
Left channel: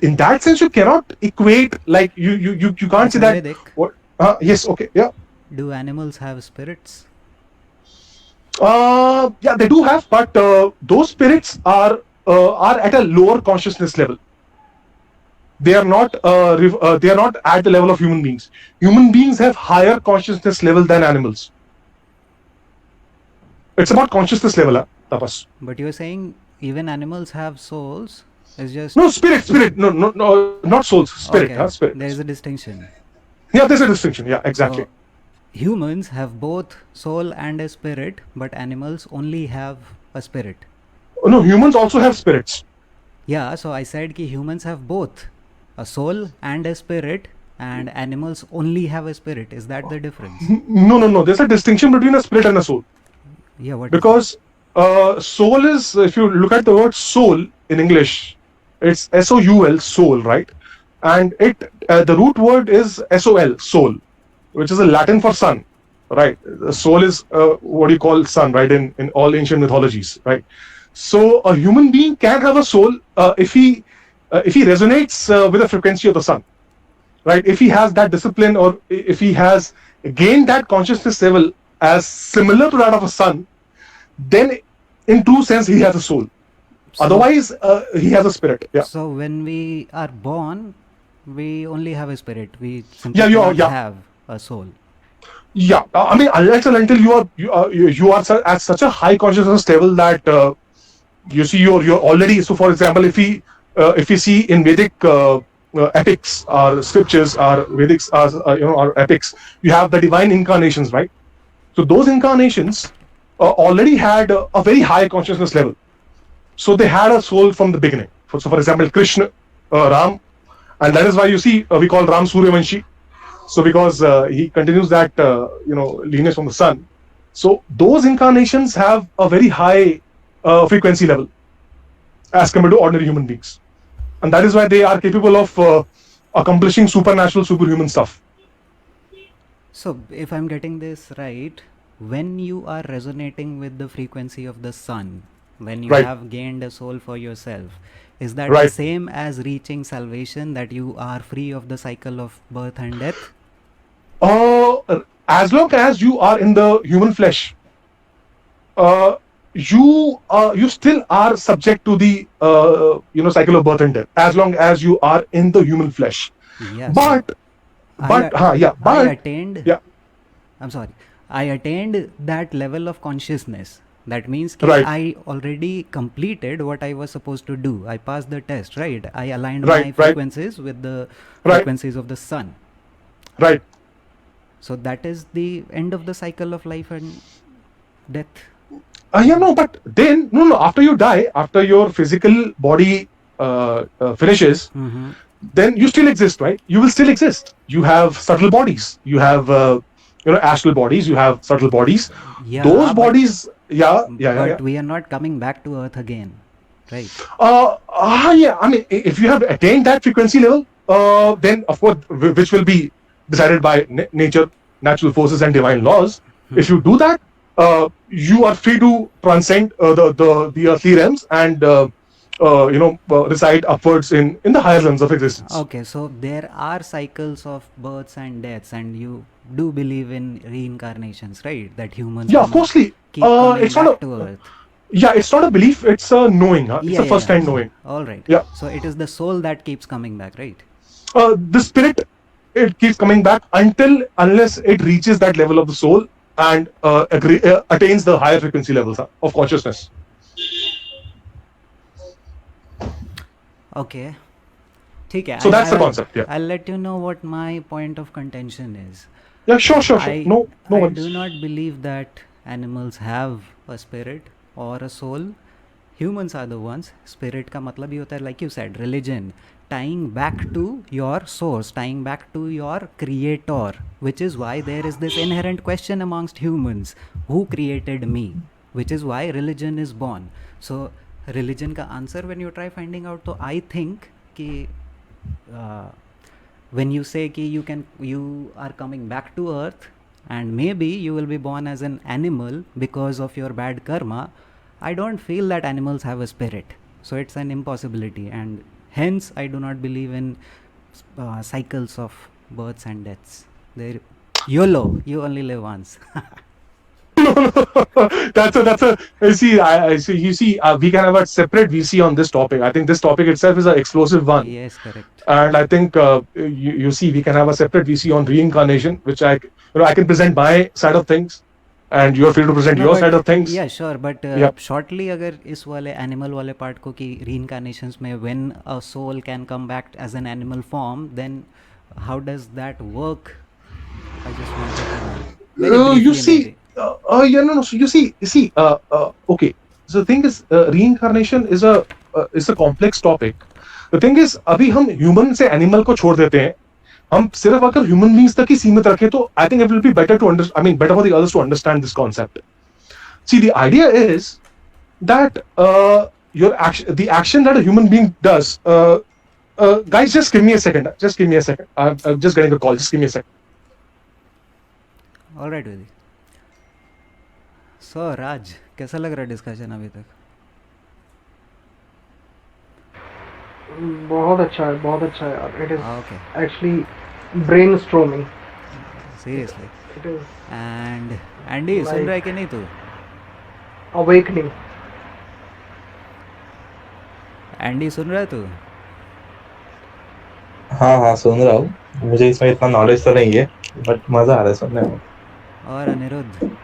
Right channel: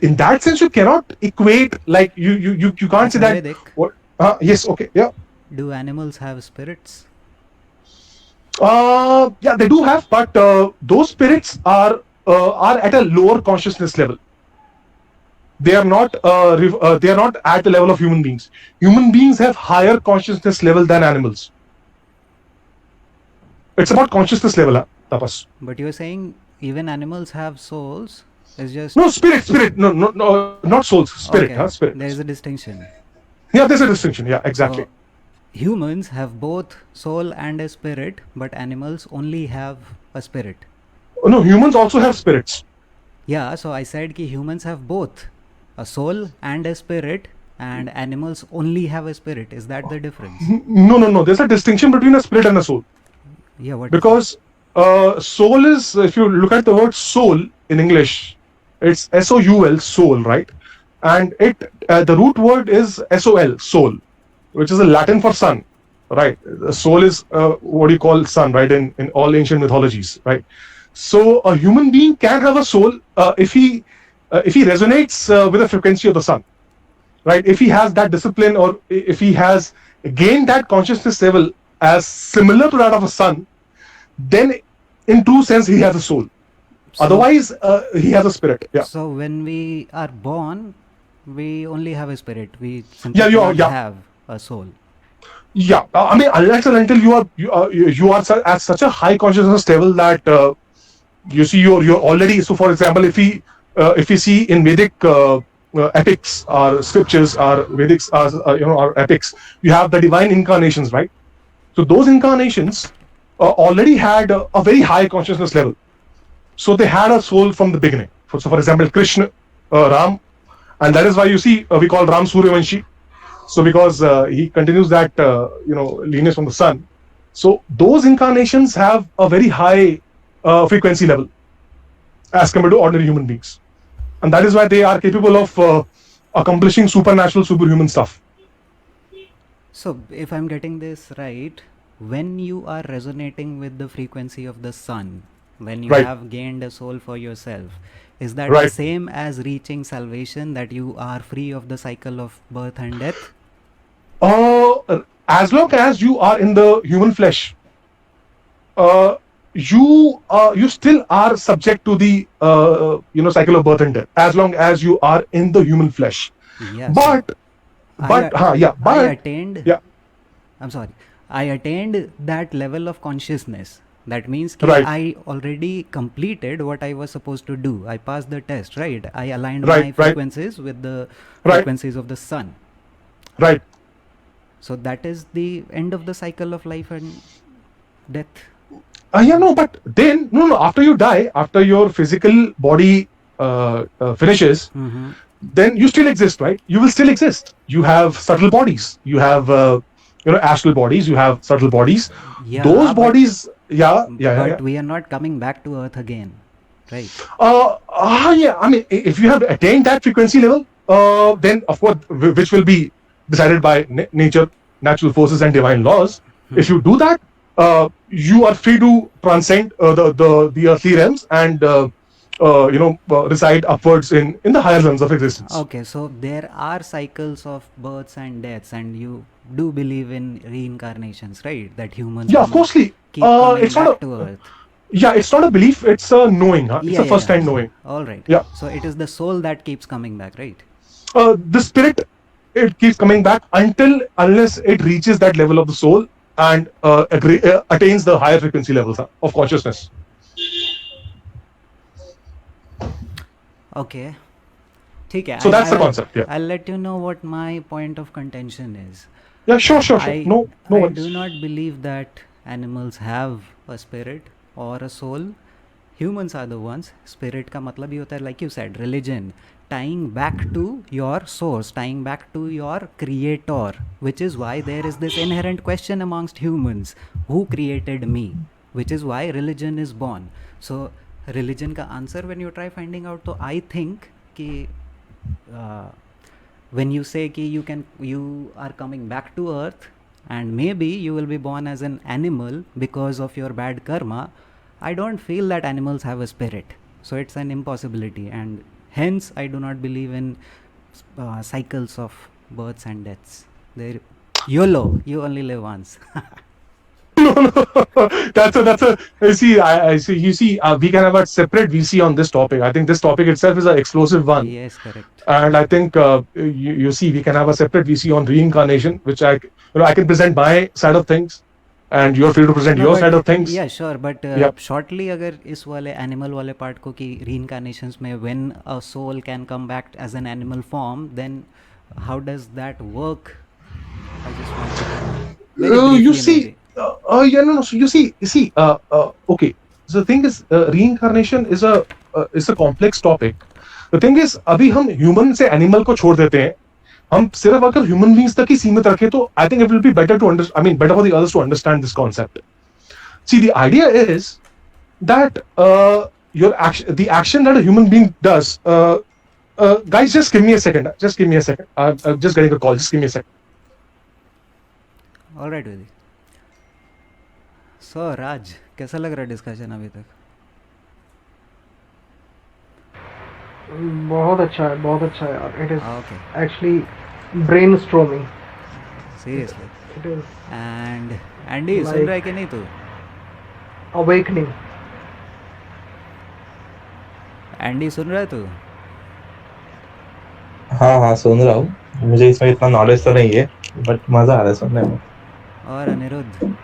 in that sense, you cannot equate, like you can't say that. What? Yes. Okay. Yeah. Do animals have spirits? Yeah, they do have, but those spirits are are at a lower consciousness level. They are not they are not at the level of human beings. Human beings have higher consciousness level than animals. It's about consciousness level, Tapas. But you're saying even animals have souls. It's just No, spirit. No, not souls. Spirit, okay. spirit. There is a distinction. Yeah, there's a distinction. Yeah, exactly. So, humans have both soul and a spirit, but animals only have a spirit. No, humans also have spirits. Yeah, so I said ki humans have both a soul and a spirit, and animals only have a spirit. Is that the difference? No. There's a distinction between a spirit and a soul. Yeah, what? Because soul is, if you look at the word soul in English, it's S-O-U-L, soul, right? And it the root word is S-O-L, soul, which is a Latin for sun, right? The soul is what you call sun, right? In all ancient mythologies, right? So a human being can have a soul if he resonates with the frequency of the sun, right? If he has that discipline, or if he has gained that consciousness level as similar to that of a sun, then in true sense he has a soul. So- Otherwise, he has a spirit. Yeah. So when we are born, we only have a spirit. We simply Yeah, cannot yeah. have a soul. Yeah, I mean, unless and until you are at such a high consciousness level that you see you're already. So, for example, if we see in Vedic epics or scriptures or Vedics or epics, you have the divine incarnations, right? So those incarnations already had a very high consciousness level. So they had a soul from the beginning. So, for example, Krishna, Ram, and that is why you see we call Ram Suryavanshi. So because he continues that lineage from the sun. So those incarnations have a very high frequency level as compared to ordinary human beings, and that is why they are capable of accomplishing supernatural, superhuman stuff. So if I'm getting this right, when you are resonating with the frequency of the sun, when you Right. have gained a soul for yourself, is that the Right. same as reaching salvation, that you are free of the cycle of birth and death? As long as you are in the human flesh, you still are subject to the cycle of birth and death. As long as you are in the human flesh, Yes. but I attained. yeah. I'm sorry. I attained that level of consciousness. That means ki Right. I already completed what I was supposed to do. I passed the test, right? I aligned Right, my right. frequencies with the Right. frequencies of the sun. Right. So that is the end of the cycle of life and death. But then no. After you die, after your physical body finishes, Mm-hmm. then you still exist, right? You will still exist. You have subtle bodies. You have astral bodies. You have subtle bodies. Yeah, Those but- bodies, yeah. But we are not coming back to Earth again, right? I mean, if you have attained that frequency level, then of course, which will be decided by nature, natural forces, and divine laws. If you do that, you are free to transcend the earthly realms and reside upwards in the higher realms of existence. Okay, so there are cycles of births and deaths, and you do believe in reincarnations, right? That humans Yeah, of course. keep coming It's not back a- to Earth. Yeah, it's not a belief. It's a knowing. It's a first-hand knowing. All right. Yeah. So it is the soul that keeps coming back, right? The spirit, it keeps coming back unless it reaches that level of the soul and attains the higher frequency levels of consciousness. Okay. ठीक है. So that's the concept, yeah. I'll let you know what my point of contention is. Yeah, sure. I No worries. do not believe that animals have a spirit or a soul. Humans are the ones. Spirit का मतलब ही होता है, like you said, religion, tying back to your source, tying back to your creator, which is why there is this inherent question amongst humans: who created me? Which is why religion is born. So religion का answer when you try finding out, तो I think कि when you say कि you are coming back to earth and maybe you will be born as an animal because of your bad karma, I don't feel that animals have a spirit. So it's an impossibility, and hence I do not believe in cycles of births and deaths. YOLO, you only live once. No. no. That's a. You see, I see. You see, we can have a separate VC on this topic. I think this topic itself is an explosive one. Yes, correct. And I think you see, we can have a separate VC on reincarnation, which I can present my side of things, and you're free to present No, your but side of things. yeah, sure, but Yep. shortly अगर इस वाले animal वाले part को कि reincarnations में when a soul can come back as an animal form, then how does that work? I just wanted to know. Very You briefly, see, maybe. yeah, no. So you see, okay. So the thing is, reincarnation is a complex topic. The thing is, अभी हम human से animal को छोड़ देते हैं. हम सिर्फ अगर human beings तक ही सीमित रखें तो I think it will be better to understand. I mean, better for the others to understand this concept. See, the idea is that the action that a human being does. Guys, just give me a second. Just give me a second. I'm just getting a call. Just give me a second. All right, Vidi. So, Raj, कैसा लग रहा है discussion अभी तक? बहुत अच्छा है, बहुत अच्छा है यार. It is Okay, actually brainstorming. seriously. It is And Andy, soon Like- रहा है कि नहीं तू? awakening. Andy, सुन रहा है तू? हाँ सुन रहा हूँ. मुझे इसमें इतना नॉलेज तो नहीं है, बट मजा आ रहा है सुनने में. और अनिरुद्ध,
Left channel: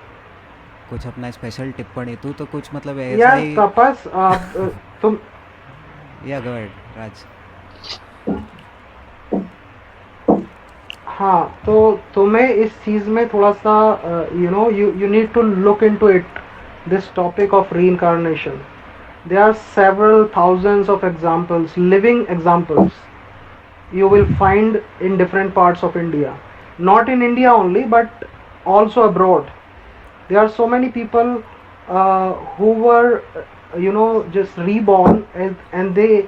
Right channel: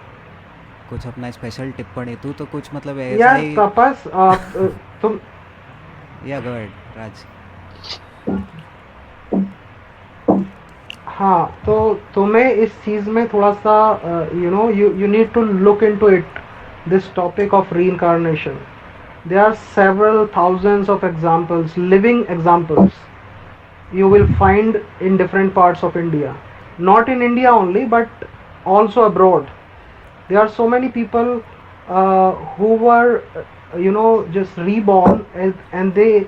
कुछ अपना स्पेशल टिप्पणी? तू तो कुछ मतलब ऐसा यार ही. तपस, तुम या गो अहेड, राज. हाँ, तो तुम्हें इस चीज में थोड़ा सा you need to look into it, this topic of reincarnation. There are several thousands of examples, living examples, you will find in different parts of India. Not in India only, but also abroad. There are so many people who were just reborn, and they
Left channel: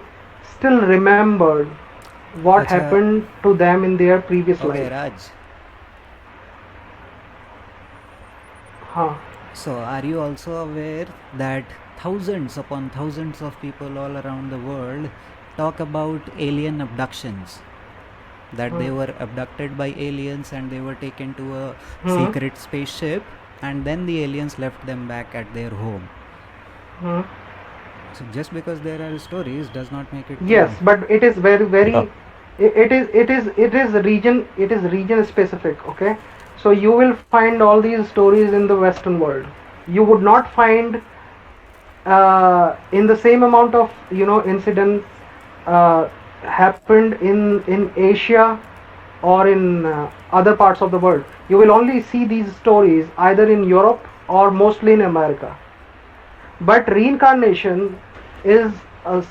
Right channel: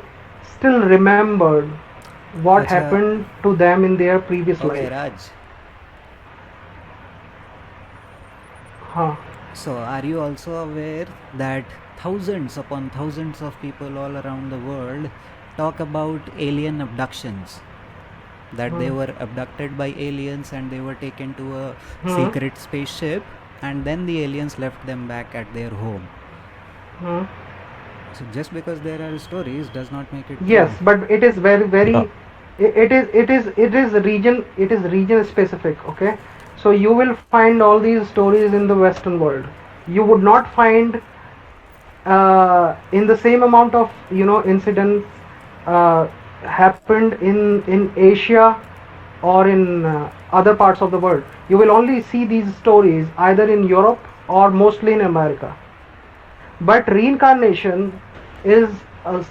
still remembered what Acha. happened to them in their previous Okay, life. Raj. हाँ, So, are you also aware that thousands upon thousands of people all around the world talk about alien abductions? That they were abducted by aliens and they were taken to a secret spaceship, and then the aliens left them back at their home. hmm. So, just because there are stories does not make it Yes, true. but it is very it is region specific. Okay, so you will find all these stories in the Western world. You would not find in the same amount of incidents happened in Asia or in other parts of the world. You will only see these stories either in Europe or mostly in America. But reincarnation is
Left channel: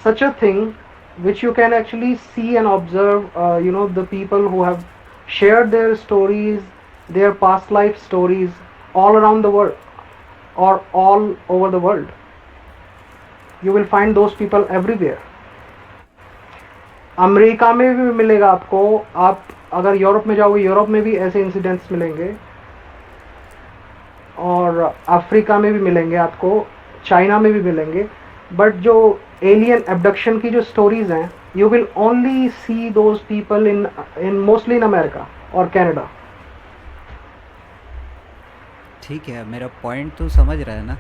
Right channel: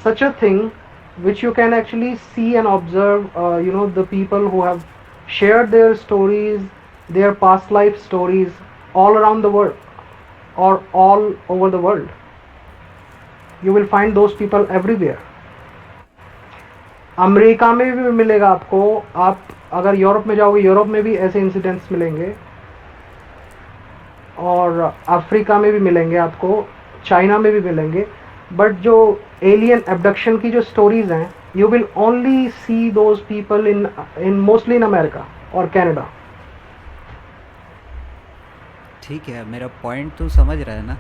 such a thing which you can actually see and observe. The people who have shared their stories, their past life stories, all around the world or all over the world. You will find those people everywhere. America में भी मिलेगा आपको. आप अगर Europe में जाओगे, Europe में भी ऐसे इंसिडेंट्स मिलेंगे, और अफ्रीका में भी मिलेंगे आपको, चाइना में भी मिलेंगे. बट जो एलियन एब्डक्शन की जो स्टोरीज हैं, you will only C those people in mostly in America और कनाडा. ठीक है, मेरा पॉइंट तू समझ रहा है ना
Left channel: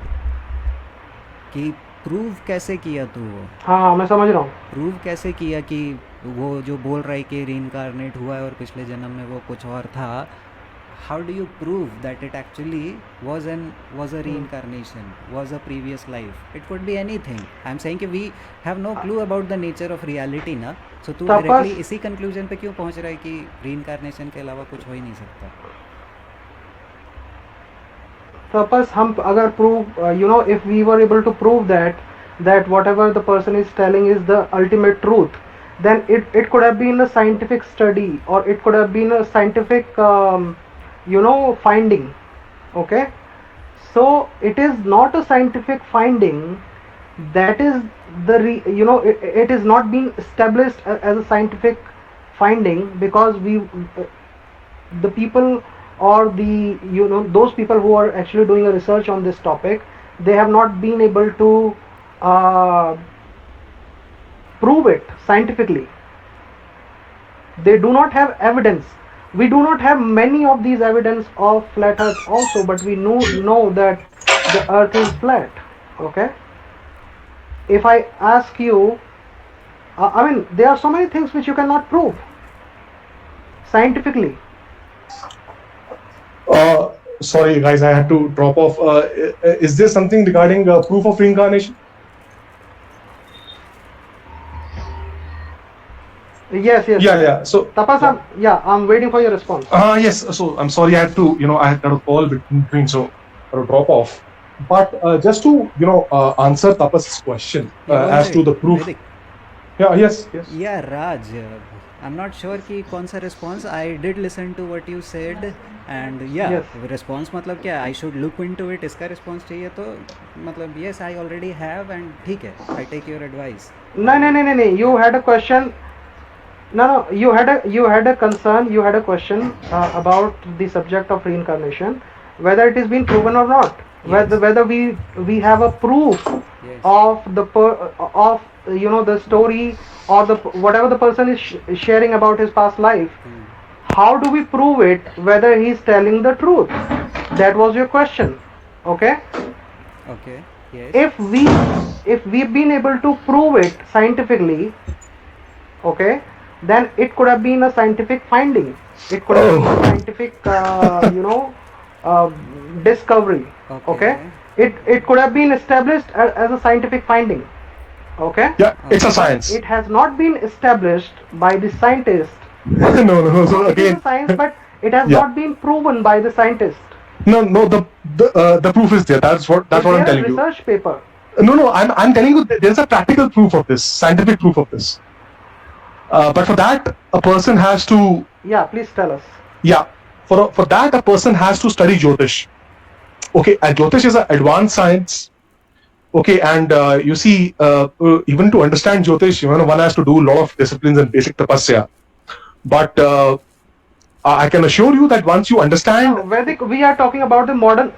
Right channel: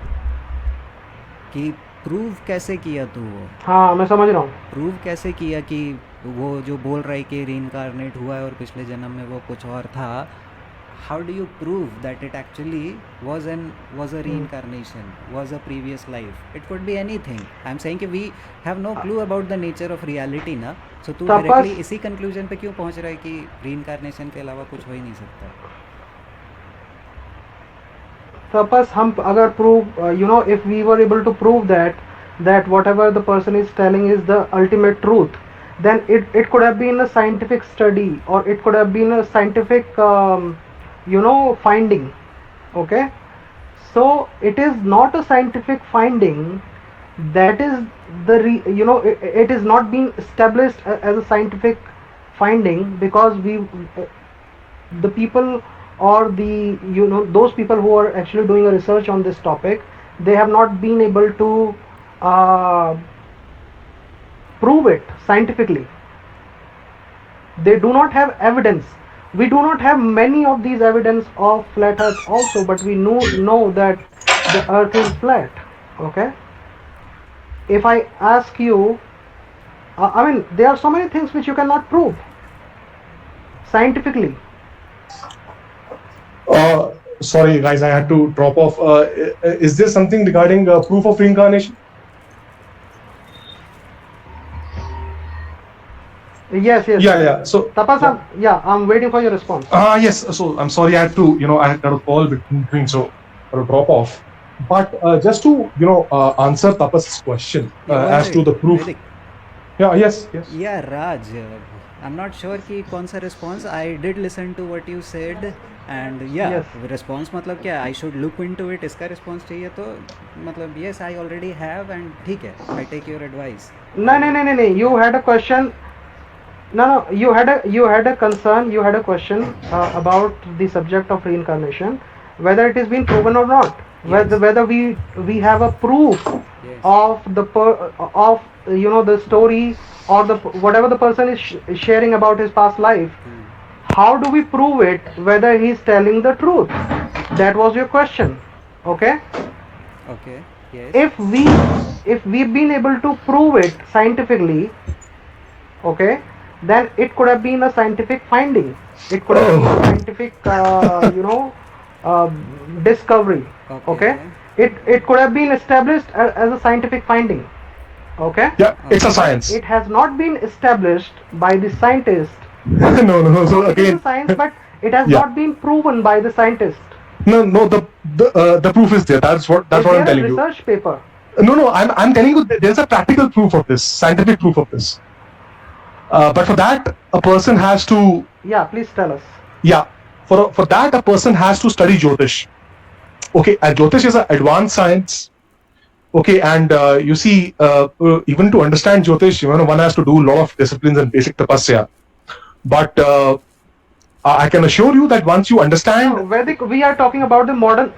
कि प्रूव कैसे किया तू वो? हाँ, मैं समझ रहा हूँ. प्रूव कैसे किया कि वो जो बोल रहा है कि रीइंकारनेट हुआ है और पिछले जन्म में वो कुछ और था? How do you prove that it actually was a reincarnation, was a previous life? It could be anything. I'm saying कि we have no clue about the nature of reality ना. So तू तपस- डायरेक्टली इसी conclusion पे क्यों पहुंच रहा है कि reincarnation के अलावा कुछ हो ही नहीं सकता? Suppose हम अगर prove, if we were able to prove that whatever the person is telling is the ultimate truth, then it could have been a scientific study, or it could have been a scientific finding. Okay, so it is not a scientific finding. That is it is not being established as a scientific finding because the people, or those people who are actually doing a research on this topic, they have not been able to prove it scientifically. They do not have evidence. we do not have many of these evidence of flat earth also, but we know that the earth is flat. Okay, if I ask you, I mean, there are so many things which you cannot prove scientifically. Sorry, guys, I had to drop off. Is there something regarding proof of reincarnation? Yes. Yeah. So, Tapas, I'm waiting for your response. yes. So, I'm sorry, I had to, I had a call between, so I had to drop off. But just to, answer Tapas's question as to the proof. Vedic. Yeah, yes. Yeah, Raj, I'm not sure कि कौन सा response. I did listen to what you said, and yeah, Yes. response मतलब क्या? I should look into it. इसका response चाहिए तो मतलब yes, I already have, and ठीक है, I take your advice. No. You had a question. No. You had a concern. You had a question about the subject of reincarnation, whether it is been proven or not. Yes. Whether we have a proof Yes. of the story or the whatever the person is sharing about his past life. How do we prove it whether he is telling the truth? That was your question. Okay. Okay. Yes. If we've been able to prove it scientifically, okay, then it could have been a scientific finding. It could have been a scientific discovery. Okay. It could have been established as a scientific finding. Okay. Yeah, it's a science. It has not been established by the scientist. No. So It is again, a science, but it has Yeah. not been proven by the scientist. no. The proof is there. That's what Is I'm there a telling you. research paper? No. I'm telling you that there's a practical proof of this, scientific proof of this. But for that, a person has to. Yeah, please tell us. Yeah, for that, a person has to study Jyotish. Okay, and Jyotish is an advanced science. Okay, and you see, even to understand Jyotish, one has to do a lot of disciplines and basic tapasya. But I can assure you that once you understand, Vedic, we are talking about the modern.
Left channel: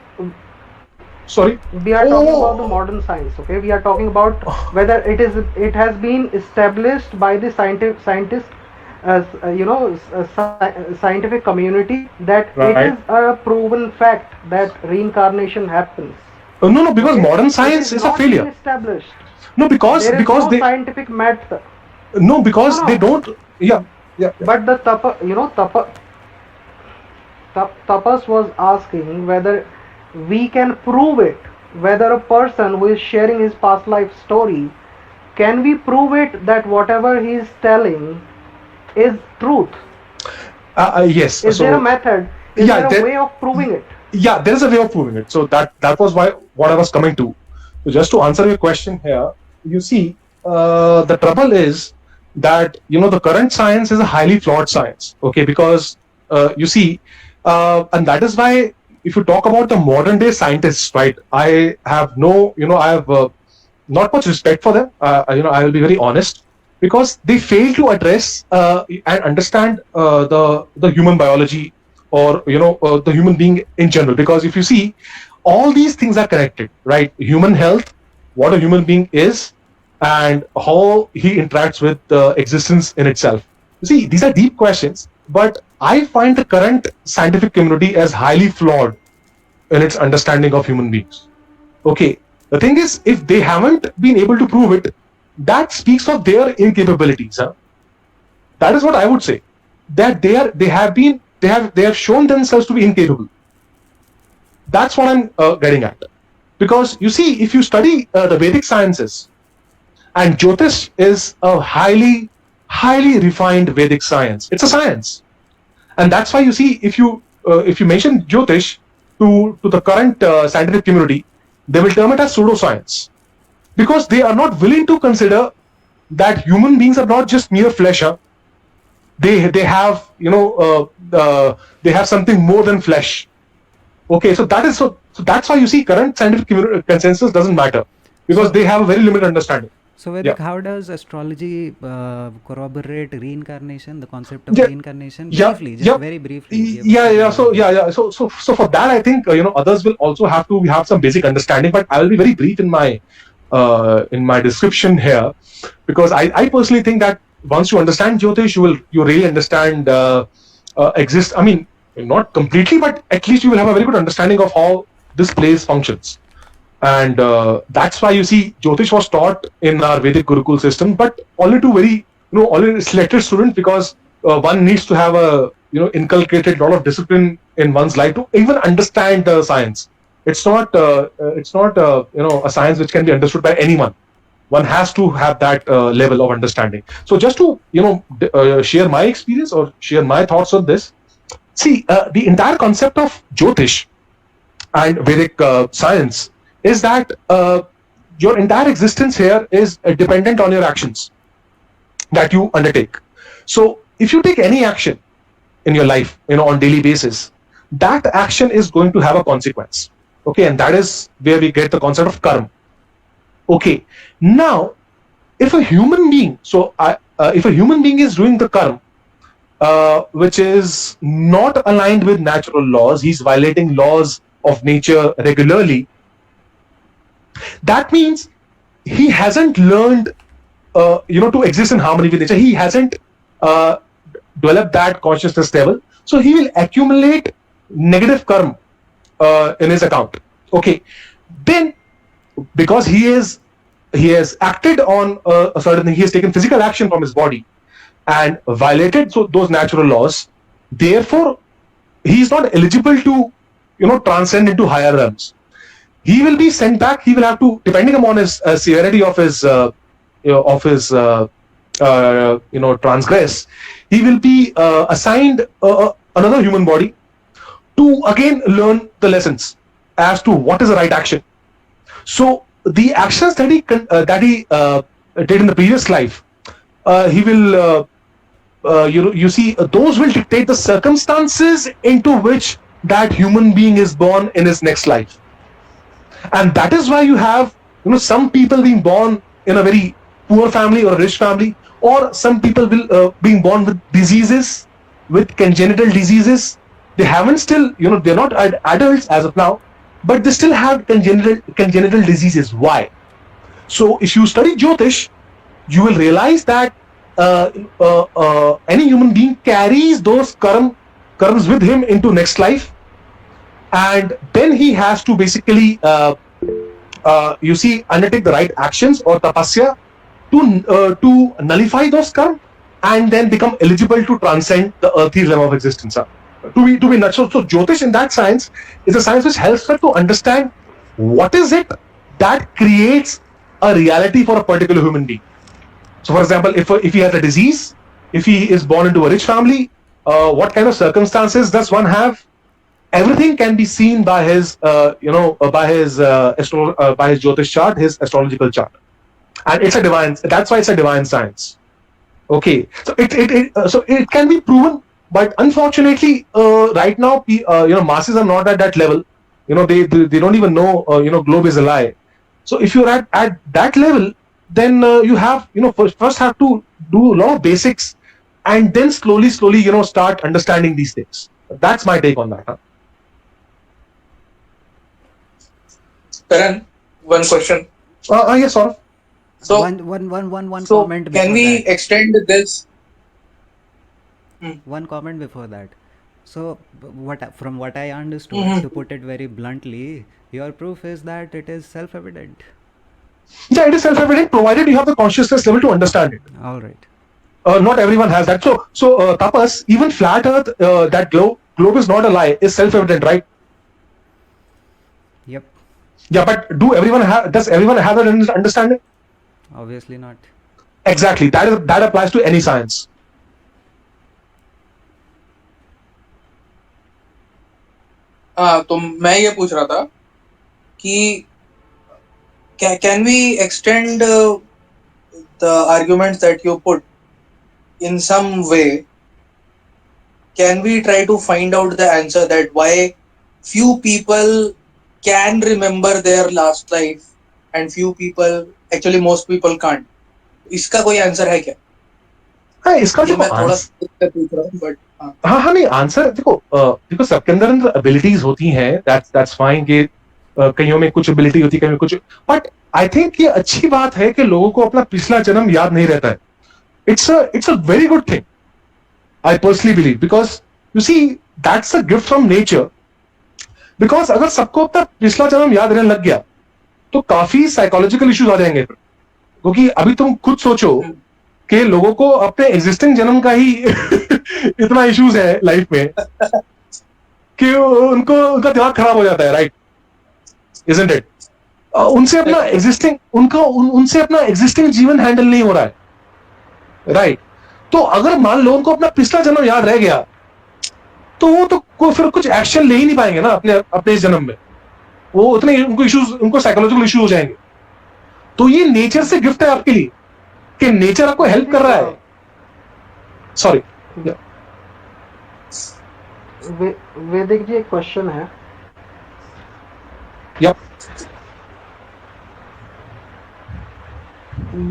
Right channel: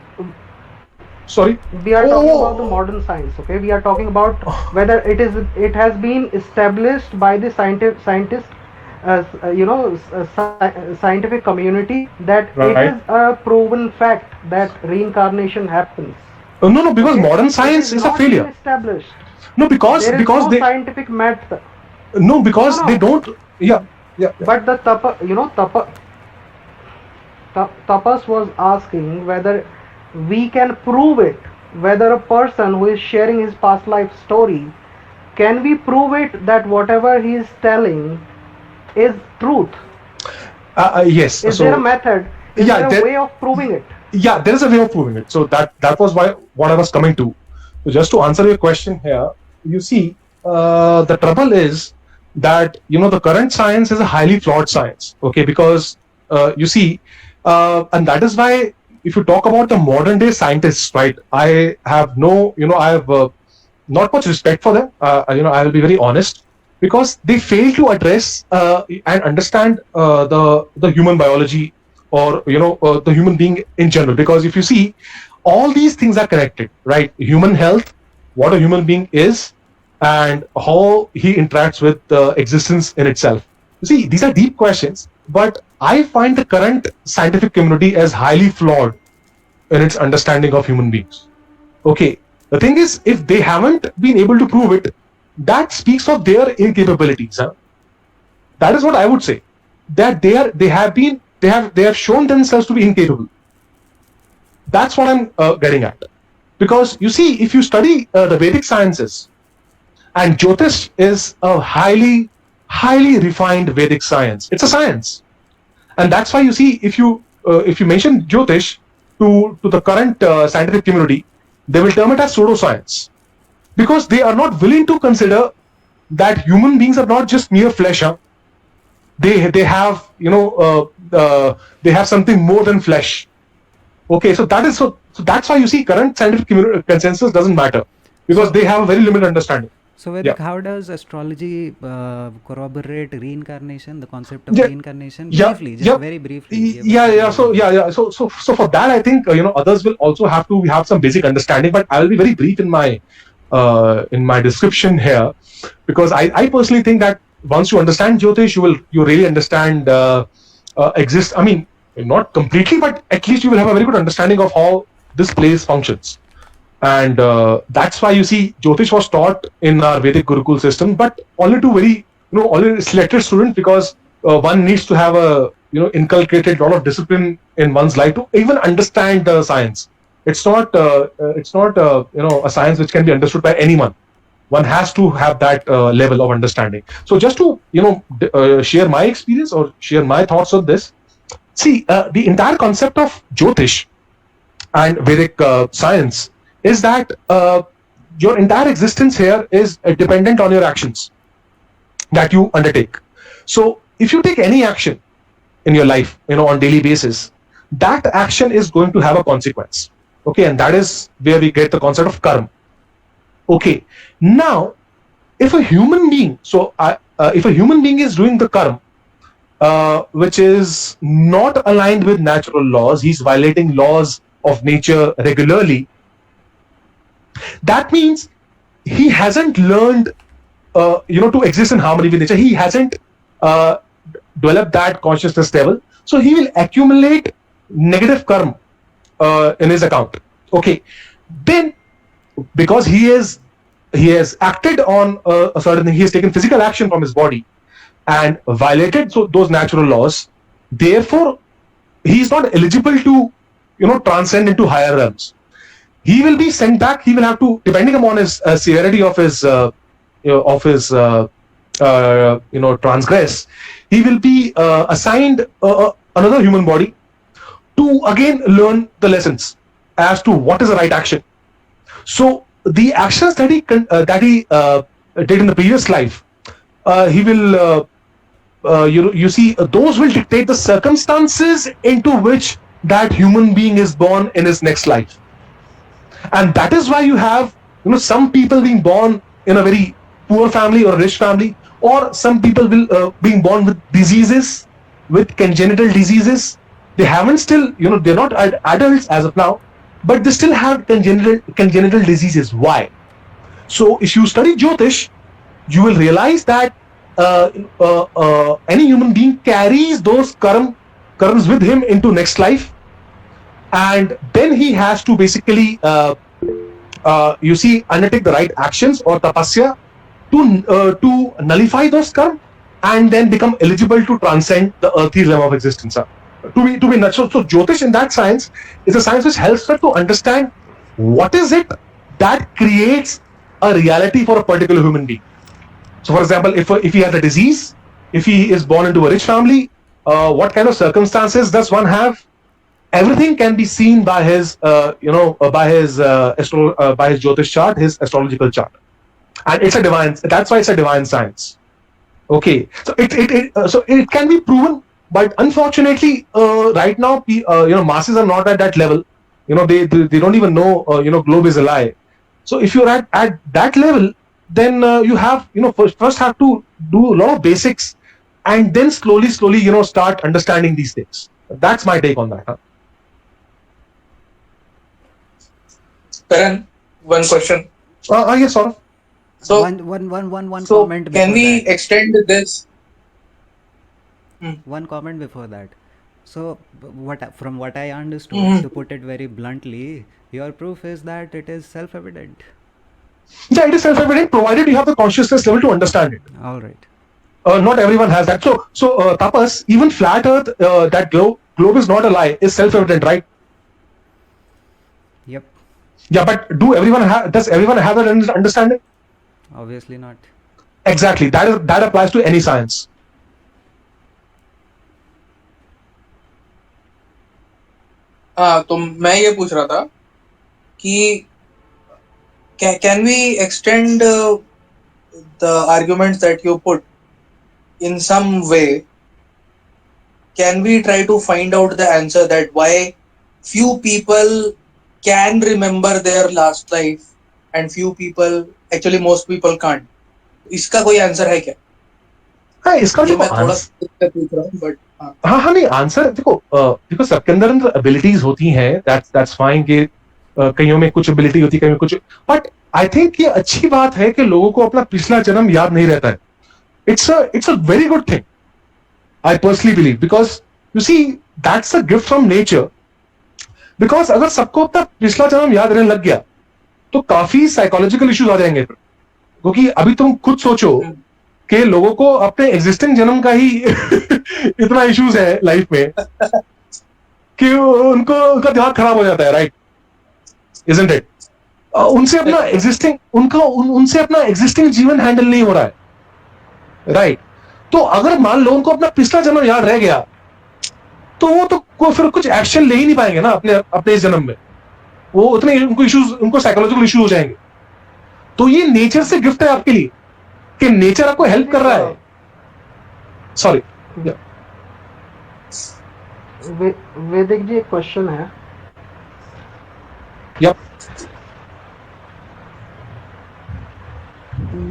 sorry, We are talking about the modern science. Okay, we are talking about whether it has been established by the scientist, scientific community that it Right. is a proven fact that reincarnation happens. no, because Okay? modern It science is a not been failure. established. No, because There is no they scientific method. no because No. they don't. Yeah. But the Tapas was asking whether we can prove it, whether a person who is sharing his past life story, can we prove it that whatever he is telling is truth? Yes. Is so there a method? Is yeah, there a way of proving it? yeah, there is a way of proving it. So that was what I was coming to. So just to answer your question here, you see, the trouble is that the current science is a highly flawed science. Okay, because you see, and that is why if you talk about the modern day scientists, right? I have not much respect for them. I will be very honest, because they fail to address and understand the human biology, or the human being in general. Because if you see, all these things are connected, right? Human health, what a human being is, and how he interacts with existence in itself. You see, these are deep questions, but I find the current scientific community as highly flawed in its understanding of human beings. Okay, the thing is, if they haven't been able to prove it, that speaks of their incapabilities. Huh? That is what I would say. That they have shown themselves to be incapable. That's what I'm getting at. Because you see, if you study the Vedic sciences, and Jyotish is a highly refined Vedic science. It's a science, and that's why you see, if you mention Jyotish to the current scientific community, they will term it as pseudoscience, because they are not willing to consider that human beings are not just mere flesh. Huh? They have they have something more than flesh. Okay, so that's why you see current scientific consensus doesn't matter, because they have a very limited understanding. So Vedic, how does astrology corroborate reincarnation, the concept of Yeah, reincarnation? yeah, Briefly, just yeah. very briefly. give us Yeah. an So overview. So for that, I think others will also have to have some basic understanding. But I will be very brief in my description here, because I personally think that once you understand Jyotish, you really understand exist. I mean, not completely, but at least you will have a very good understanding of how this place functions. And that's why you see Jyotish was taught in our Vedic Gurukul system, but only to very only selected students, because one needs to have a inculcated lot of discipline in one's life to even understand the science. It's not a science which can be understood by anyone. One has to have that level of understanding. So just to share my experience or share my thoughts on this. See, the entire concept of Jyotish and Vedic science is that your entire existence here is dependent on your actions that you undertake. So if you take any action in your life, on daily basis, that action is going to have a consequence. Okay, and that is where we get the concept of karma. Okay, now if a human being, if a human being is doing the karma, which is not aligned with natural laws, he's violating laws of nature regularly. That means he hasn't learned, to exist in harmony with nature. He hasn't developed that consciousness level. So he will accumulate negative karma in his account. Okay, then because he has acted on a certain thing, he has taken physical action from his body and violated those natural laws. Therefore, he is not eligible to transcend into higher realms. He will be sent back. He will have to, depending upon his severity of his transgress, he will be assigned another human body to again learn the lessons as to what is the right action. So the actions that he did in the previous life, he will those will dictate the circumstances into which that human being is born in his next life. And that is why you have some people being born in a very poor family or a rich family, or some people will being born with diseases, with congenital diseases. They haven't still, they're not adults as of now, but they still have congenital diseases. Why? So if you study Jyotish, you will realize that any human being carries those karmas with him into next life, and then he has to basically undertake the right actions or tapasya to nullify those karma and then become eligible to transcend the earthly realm of existence. To be natural. So Jyotish in that science is a science which helps her to understand what is it that creates a reality for a particular human being. So for example, if he has a disease, if he is born into a rich family, what kind of circumstances does one have? Everything can be seen by his by his Jyotish chart, his astrological chart, and it's a divine. That's why it's a divine science. Okay, so it can be proven, but unfortunately, right now, masses are not at that level. They don't even know globe is a lie. So if you're at that level, then you have first have to do a lot of basics, and then slowly start understanding these things. That's my take on that. Huh? Karan, one question. Yes, sort of. So, one so comment can before we that. extend this? One comment before that. So from what I understood, Mhm. to put it very bluntly, your proof is that it is self-evident. Yeah, it is self-evident provided you have the consciousness level to understand it. All right. Not everyone has that. So Tapas, even flat Earth, that globe is not a lie, is self-evident, right? Yep. Yeah, but does everyone have that understanding? Obviously not. Exactly. That applies to any science. हाँ, तो मैं ये पूछ रहा था कि can we extend the arguments that you put in some way? Can we try to find out the answer that why few people can remember their last life and few people, actually most people can't? इसका कोई answer है क्या? हाँ, इसका ये देखो मैं थोड़ा आंसर पूछ रहा हूँ, बट हाँ नहीं, आंसर देखो सबके अंदर एबिलिटीज होती हैं, दैट्स फाइन कि कईयों में कुछ एबिलिटी होती है, कईयों में कुछ, बट आई थिंक ये अच्छी बात है कि लोगों को अपना पिछला जन्म याद नहीं रहता है. It's a very good thing, I personally believe, because you see, that's a gift from nature. Because अगर सबको अपना पिछला जन्म याद रहने लग गया तो काफी साइकोलॉजिकल इश्यूज आ जाएंगे. क्योंकि अभी तुम खुद सोचो कि लोगों को अपने एग्जिस्टिंग जन्म का ही इतना इश्यूज है लाइफ में कि उनका दिमाग खराब हो जाता है, राइट? Isn't it? उनसे अपना एग्जिस्टिंग जीवन हैंडल नहीं हो रहा है, राइट? तो अगर मान लो उनको अपना पिछला जन्म याद रह गया तो वो तो फिर कुछ एक्शन ले ही नहीं पाएंगे ना अपने इस जन्म में. वो उतने उनको साइकोलॉजिकल इश्यूज हो जाएंगे. तो ये नेचर से गिफ्ट है आपके लिए कि नेचर आपको हेल्प कर रहा है. सॉरी, वैदिक जी, एक क्वेश्चन है. Yep.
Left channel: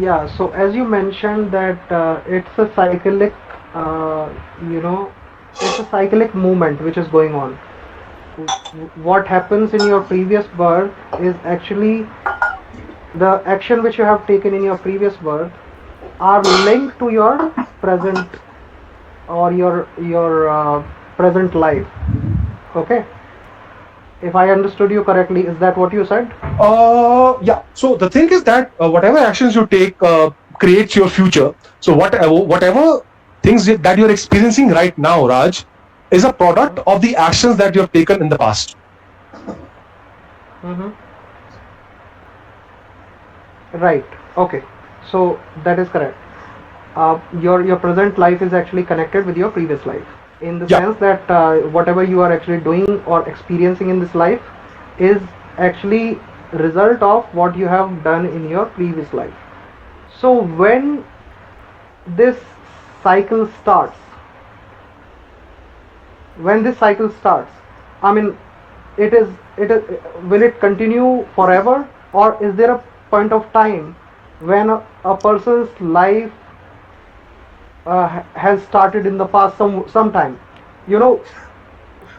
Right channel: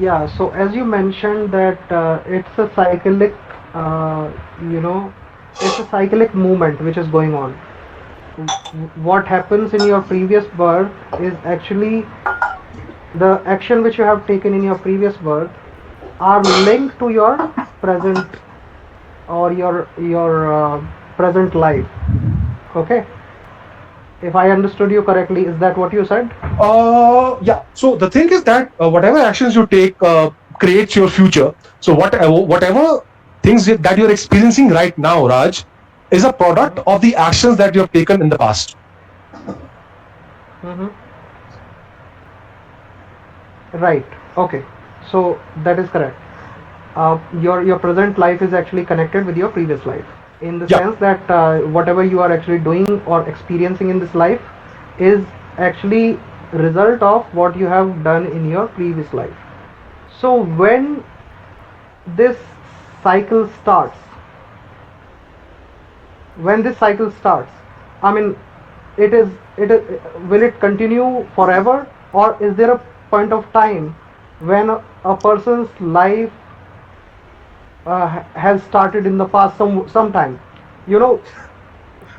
Yeah, so as you mentioned that it's a cyclic, it's a cyclic movement which is going on. What happens in your previous birth is actually the action which you have taken in your previous birth are linked to your present or your present life. Okay. If I understood you correctly, is that what you said? Yeah. So the thing is that whatever actions you take creates your future. So whatever things that you're experiencing right now, Raj, is a product of the actions that you have taken in the past. Mm-hmm. Right. Okay. So that is correct. Your present life is actually connected with your previous life, in the sense that whatever you are actually doing or experiencing in this life is actually result of what you have done in your previous life. So when this cycle starts, I mean, will it continue forever, or is there a point of time when a person's life has started in the past sometime,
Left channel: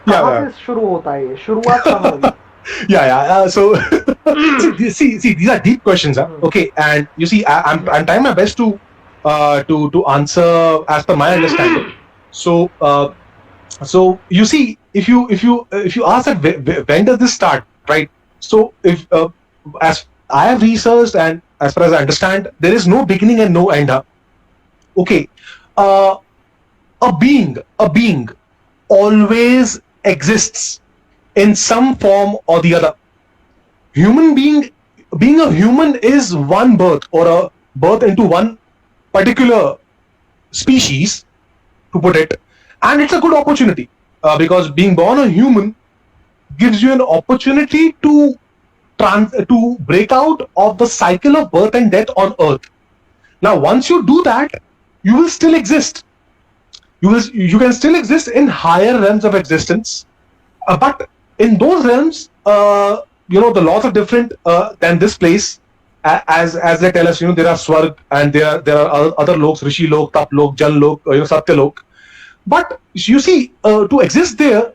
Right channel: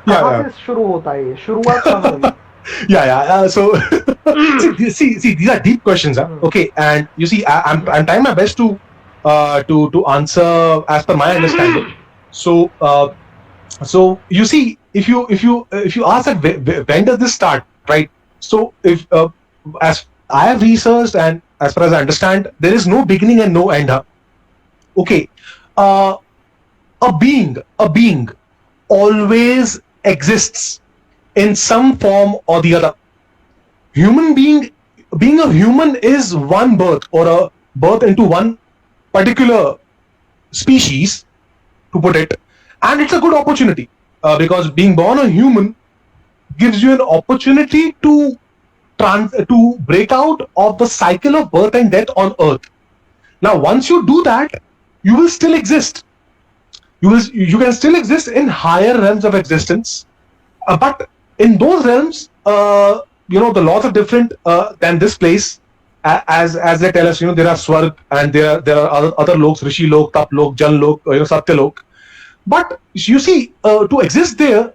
कहाँ से शुरू होता है ये, शुरुआत कहाँ हुई? So see, these are deep questions, okay, and you see, I'm trying my best to answer as per my understanding. So you see, if you ask that when does this start, right? So if as I have researched and as far as I understand, there is no beginning and no end. Okay, a being always exists in some form or the other. Being a human is one birth, or a birth into one particular species, to put it, and it's a good opportunity because being born a human gives you an opportunity to break out of the cycle of birth and death on earth. Now once you do that, you will still exist. You can still exist in higher realms of existence, but in those realms, the laws are different than this place. As they tell us, there are Swarg and there are other loks, Rishi Lok, Tap Lok, Jan Lok, Satya Lok. But you see, to exist there,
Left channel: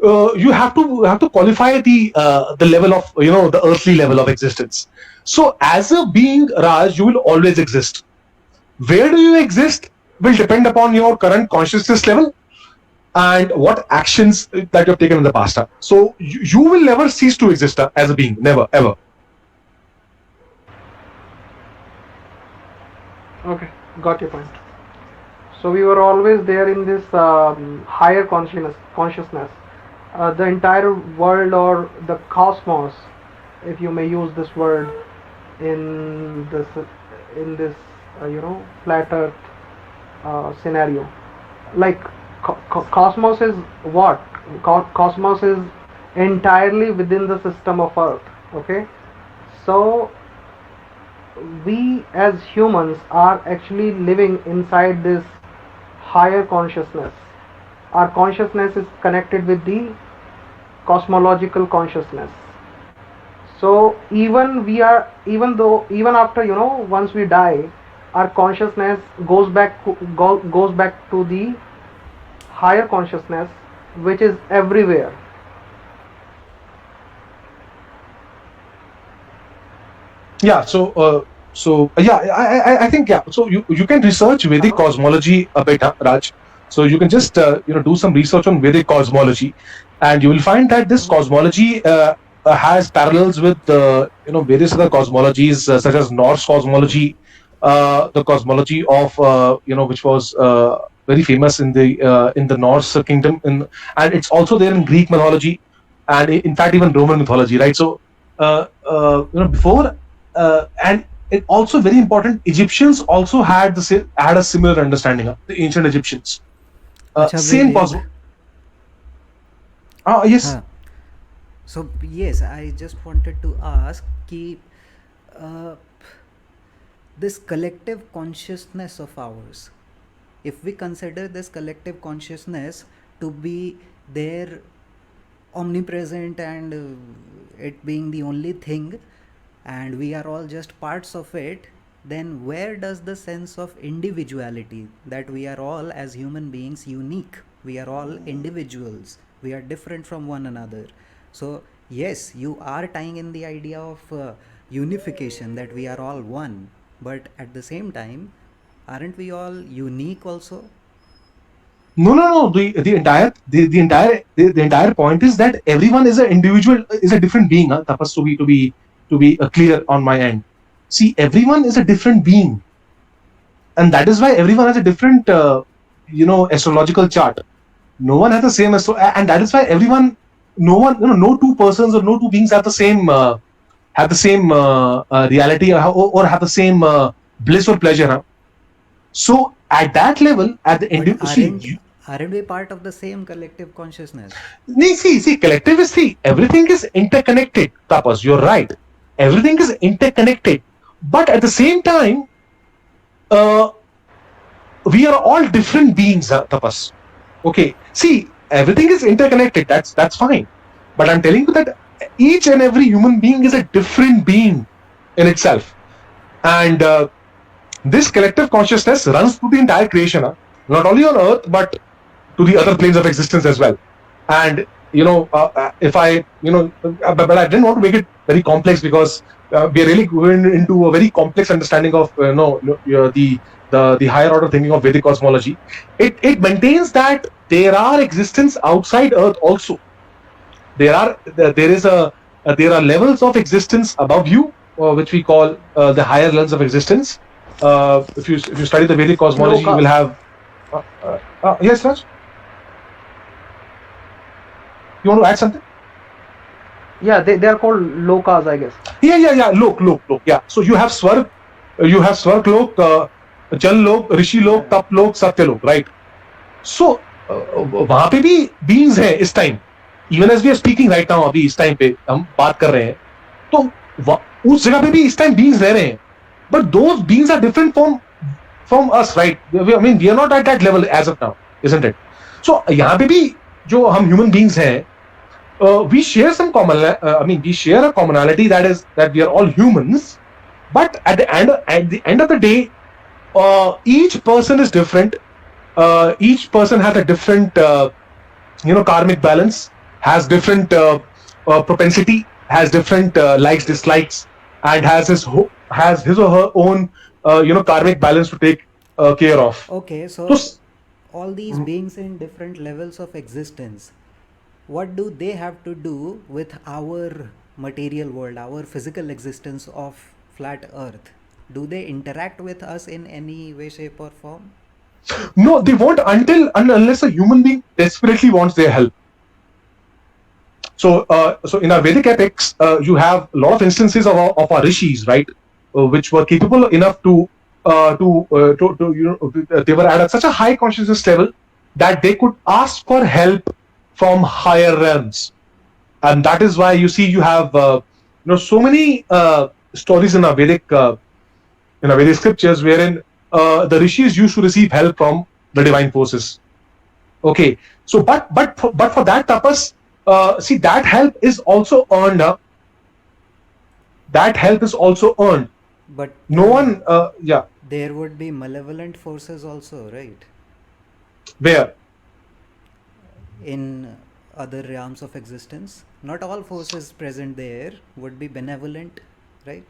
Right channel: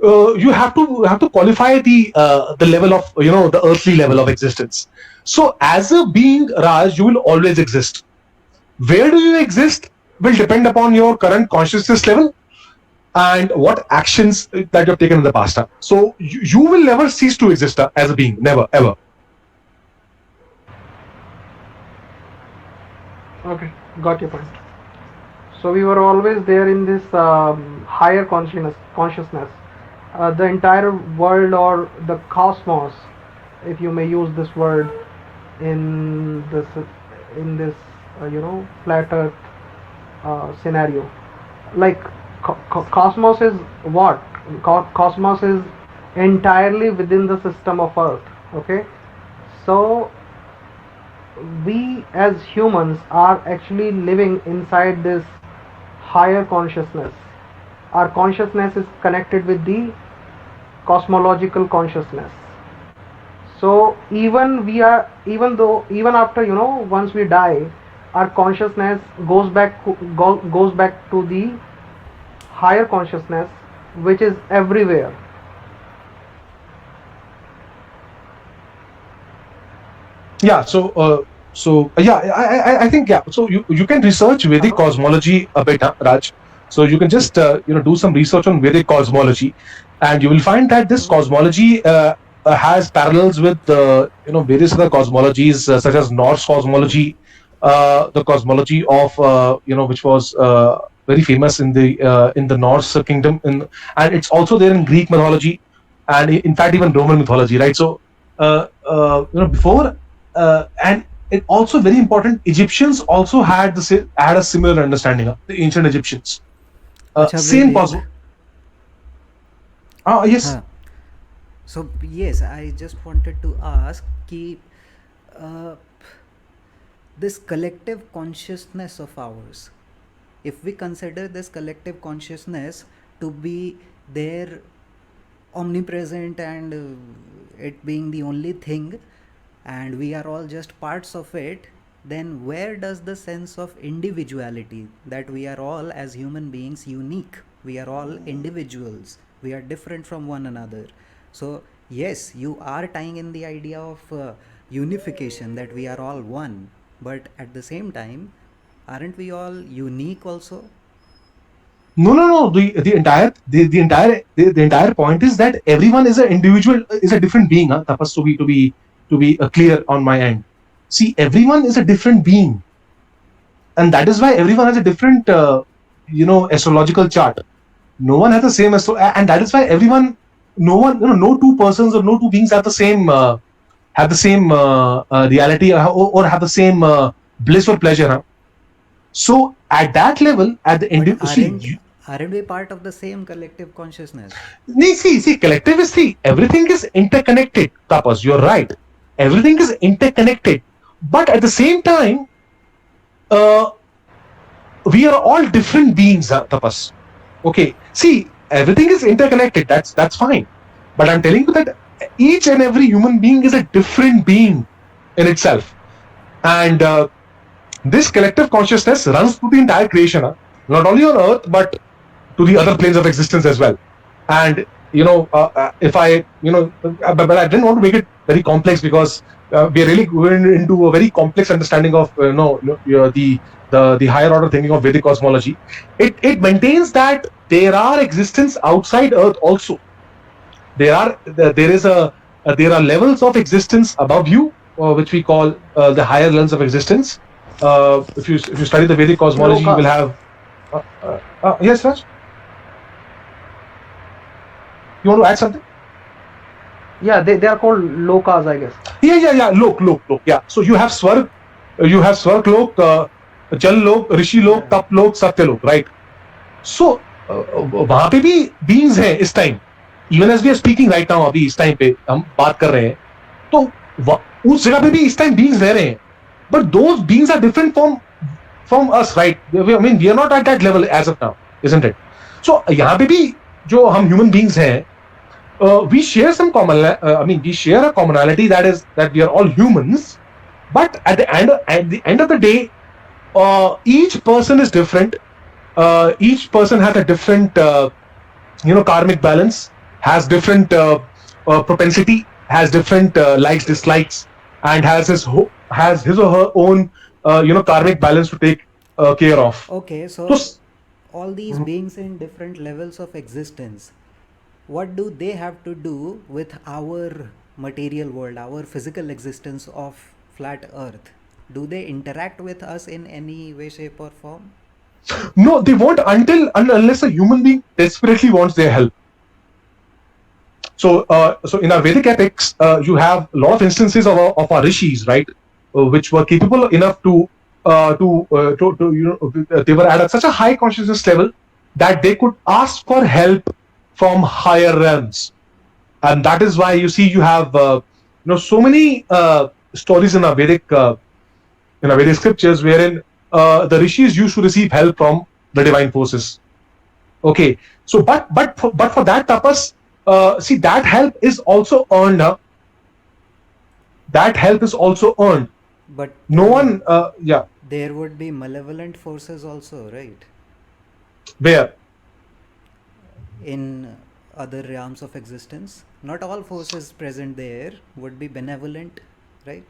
you have to qualify the level of the earthly level of existence. So as a being, Raj, you will always exist. Where do you exist will depend upon your current consciousness level and what actions that you have taken in the past. So you will never cease to exist as a being, never, ever. Okay, got your point. So we were always there in this higher consciousness. The entire world, or the cosmos, if you may use this word, in this flat earth scenario. Like cosmos is what? Cosmos is entirely within the system of earth. Okay, so we as humans are actually living inside this higher consciousness. Our consciousness is connected with the cosmological consciousness. So even after once we die, our consciousness goes back to the higher consciousness, which is everywhere. Yeah. So I think, yeah. So you can research Vedic cosmology a bit, Raj. So you can just do some research on Vedic cosmology, and you will find that this cosmology has parallels with various other cosmologies such as Norse cosmology, the cosmology of which was very famous in the Norse kingdom, and it's also there in Greek mythology, and in fact even Roman mythology, right? So before and it also very important. Egyptians also had had a similar understanding of the ancient Egyptians. अच्छा Same Vivek, cosmology. Yes. हाँ. So yes, I just wanted to ask कि uh, this collective consciousness of ours, if we consider this collective consciousness to be there omnipresent and it being the only thing, and we are all just parts of it, then where does the sense of individuality, that we are all as human beings unique, we are all individuals, we are different from one another? So yes, you are tying in the idea of unification, that we are all one, but at the same time, aren't we all unique also? No. The entire point is that everyone is an individual, is a different being. Tapas, to be clear on my end. See, everyone is a different being, and that is why everyone has a different astrological chart. No one has the same and that is why everyone, no one, no two persons or no two beings have the same reality, or have the same bliss or pleasure. Huh? So at that level, at the But individual, aren't we part of the same collective consciousness? see, collective is, see, everything is interconnected. Tapas, you're right. Everything is interconnected, but at the same time, we are all different beings. Tapas. Okay, see, everything is interconnected. That's fine, but I'm telling you that each and every human being is a different being in itself, and this collective consciousness runs through the entire creation, not only on Earth but to the other planes of existence as well. And if I but I didn't want to make it very complex, because we're really going into a very complex understanding of the higher order thinking of Vedic cosmology. It maintains that there are existence outside Earth also. There are levels of existence above you, which we call the higher realms of existence. If you study the Vedic cosmology, you will have. Yes, Raj. You want to add something? Yeah, they are called lokas, I guess. Yeah. Lok. Yeah. So you have Swarg, Lok, Jal Lok, Rishi Lok, Tap Lok, Satya Lok, right? So वहां पे भी beings हैं इस time. Even as we are speaking right now, अभी इस time पे हम बात कर रहे हैं, तो उस जगह पे भी इस time beings रह रहे हैं. But those beings are different from us, right? I mean, we are not at that level as of now, isn't it? So यहाँ पे भी जो हम human beings हैं, we share some common. We share a commonality, that we are all humans. But at the end of the day, each person is different. Each person has a different, karmic balance, has different propensity, has different likes, dislikes, and has his or her own, karmic balance to take care of. Okay, so all these beings in different levels of existence, what do they have to do with our material world, our physical existence of flat Earth? Do they interact with us in any way, shape, or form? No, they won't unless a human being desperately wants their help. So in our Vedic epics, you have a lot of instances of our rishis, right, which were capable enough to they were at such a high consciousness level that they could ask for help from higher realms, and that is why you see you have so many stories in our Vedic scriptures wherein the rishis used to receive help from the divine forces. Okay, so but for that tapas, see, that help is also earned. That help is also earned. But No one, there would be malevolent forces also, right? where? In other realms of existence, not all forces present there would be benevolent, right?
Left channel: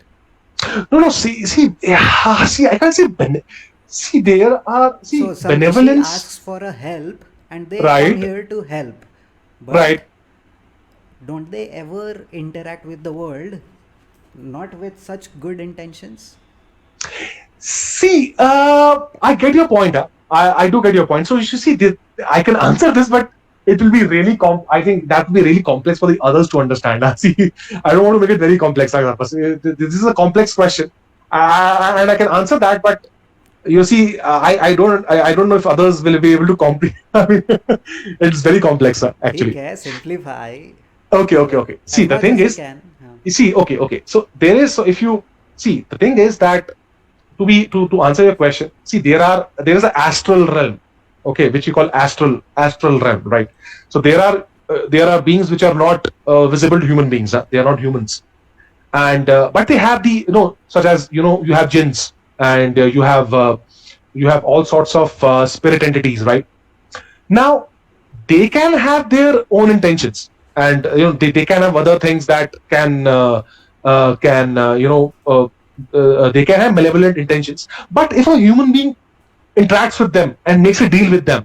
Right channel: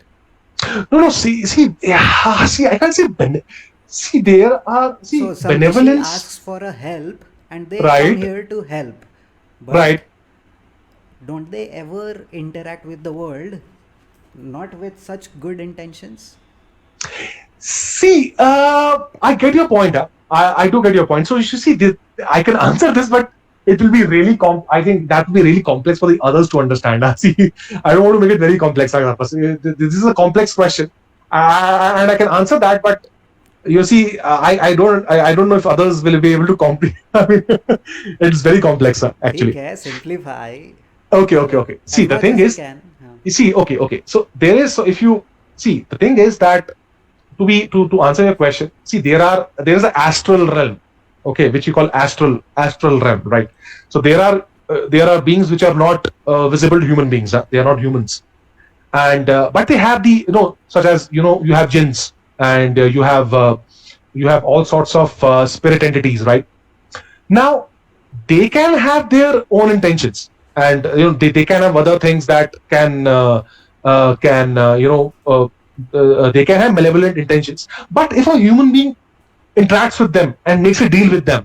No, see, I can't say See, there are So some rishi benevolence, asks for a help and they come right? here to help. But Right. don't they ever interact with the world not with such good intentions? See, I get your point. I do get your point. So you should see, I can answer this, but it will be really I think that will be really complex for the others to understand. See, I don't want to make it very complex. This is a complex question, and I can answer that, but you see, I don't know if others will be able to comprehend. I mean, it's very complex, actually. ठीक है, simplify. Okay. See, As the much thing as you is, can. हाँ. you see, okay. So there is, so if you see, the thing is that to answer your question, see, there is an astral realm, okay, which you call astral realm, right? So there are beings which are not visible to human beings. They are not humans, and but they have the, such as, you have jinns, and you have all sorts of spirit entities, right? Now they can have their own intentions, and they can have other things that can they can have malevolent intentions. But if a human being interacts with them and makes a deal with them,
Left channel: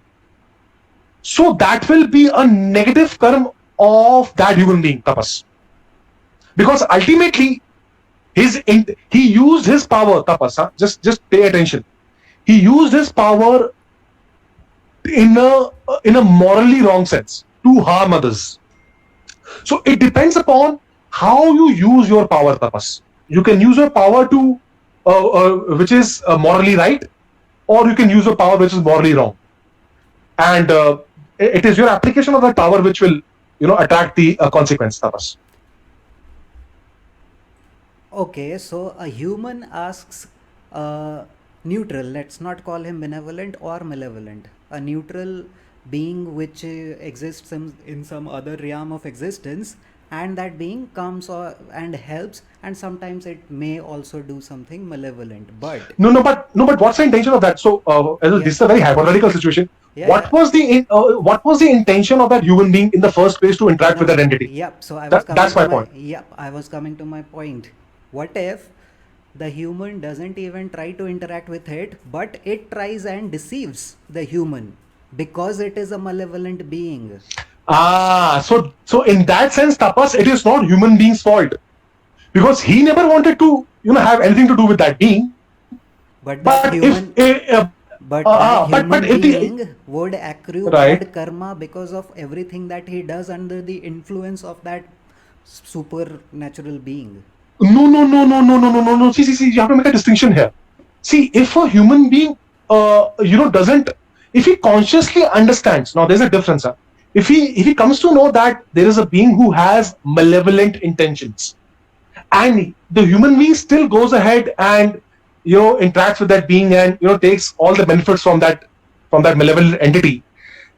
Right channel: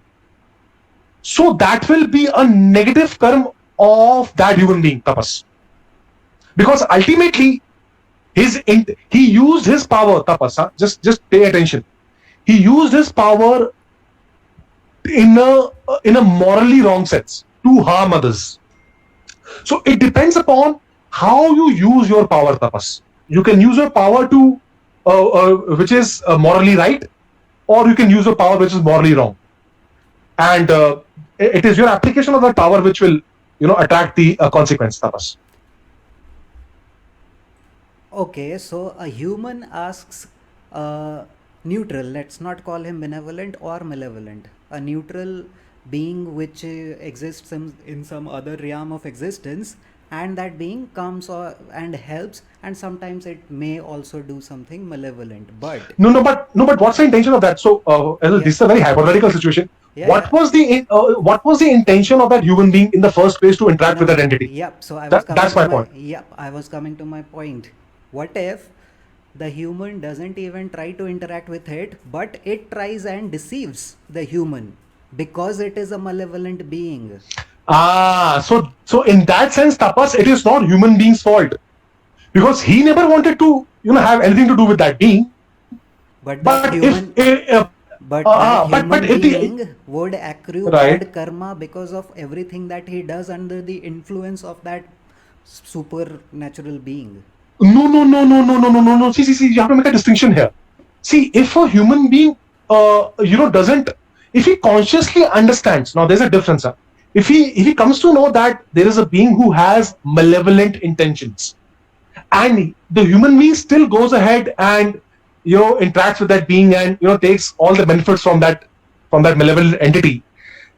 so that will be a negative karma of that human being, tapas, because ultimately he used his power, tapas, just pay attention. He used his power in a morally wrong sense to harm others. So it depends upon how you use your power, tapas. You can use your power to which is morally right, or you can use your power which is morally wrong, and it is your application of that power which will attract the consequence, tapas. Okay, so a human asks neutral, let's not call him benevolent or malevolent, a neutral being which exists in some other realm of existence, and that being comes and helps, and sometimes it may also do something malevolent. But But what's the intention of that? So this is a very hypothetical situation. Yeah, what was the intention of that human being in the first place to interact with that entity? Yep. So I was That's my point. Yep, I was coming to my point. What if the human doesn't even try to interact with it, but it tries and deceives the human because it is a malevolent being? So in that sense, tapas, it is not human being's fault, because he never wanted to have anything to do with that being. But that human, being would accrue bad karma because of everything that he does under the influence of that supernatural being. No. See, you have to make a distinction here. See, if a human being, doesn't, if he consciously understands, now there's a difference. If he comes to know that there is a being who has malevolent intentions, and the human being still goes ahead and interacts with that being and takes all the benefits from that malevolent entity,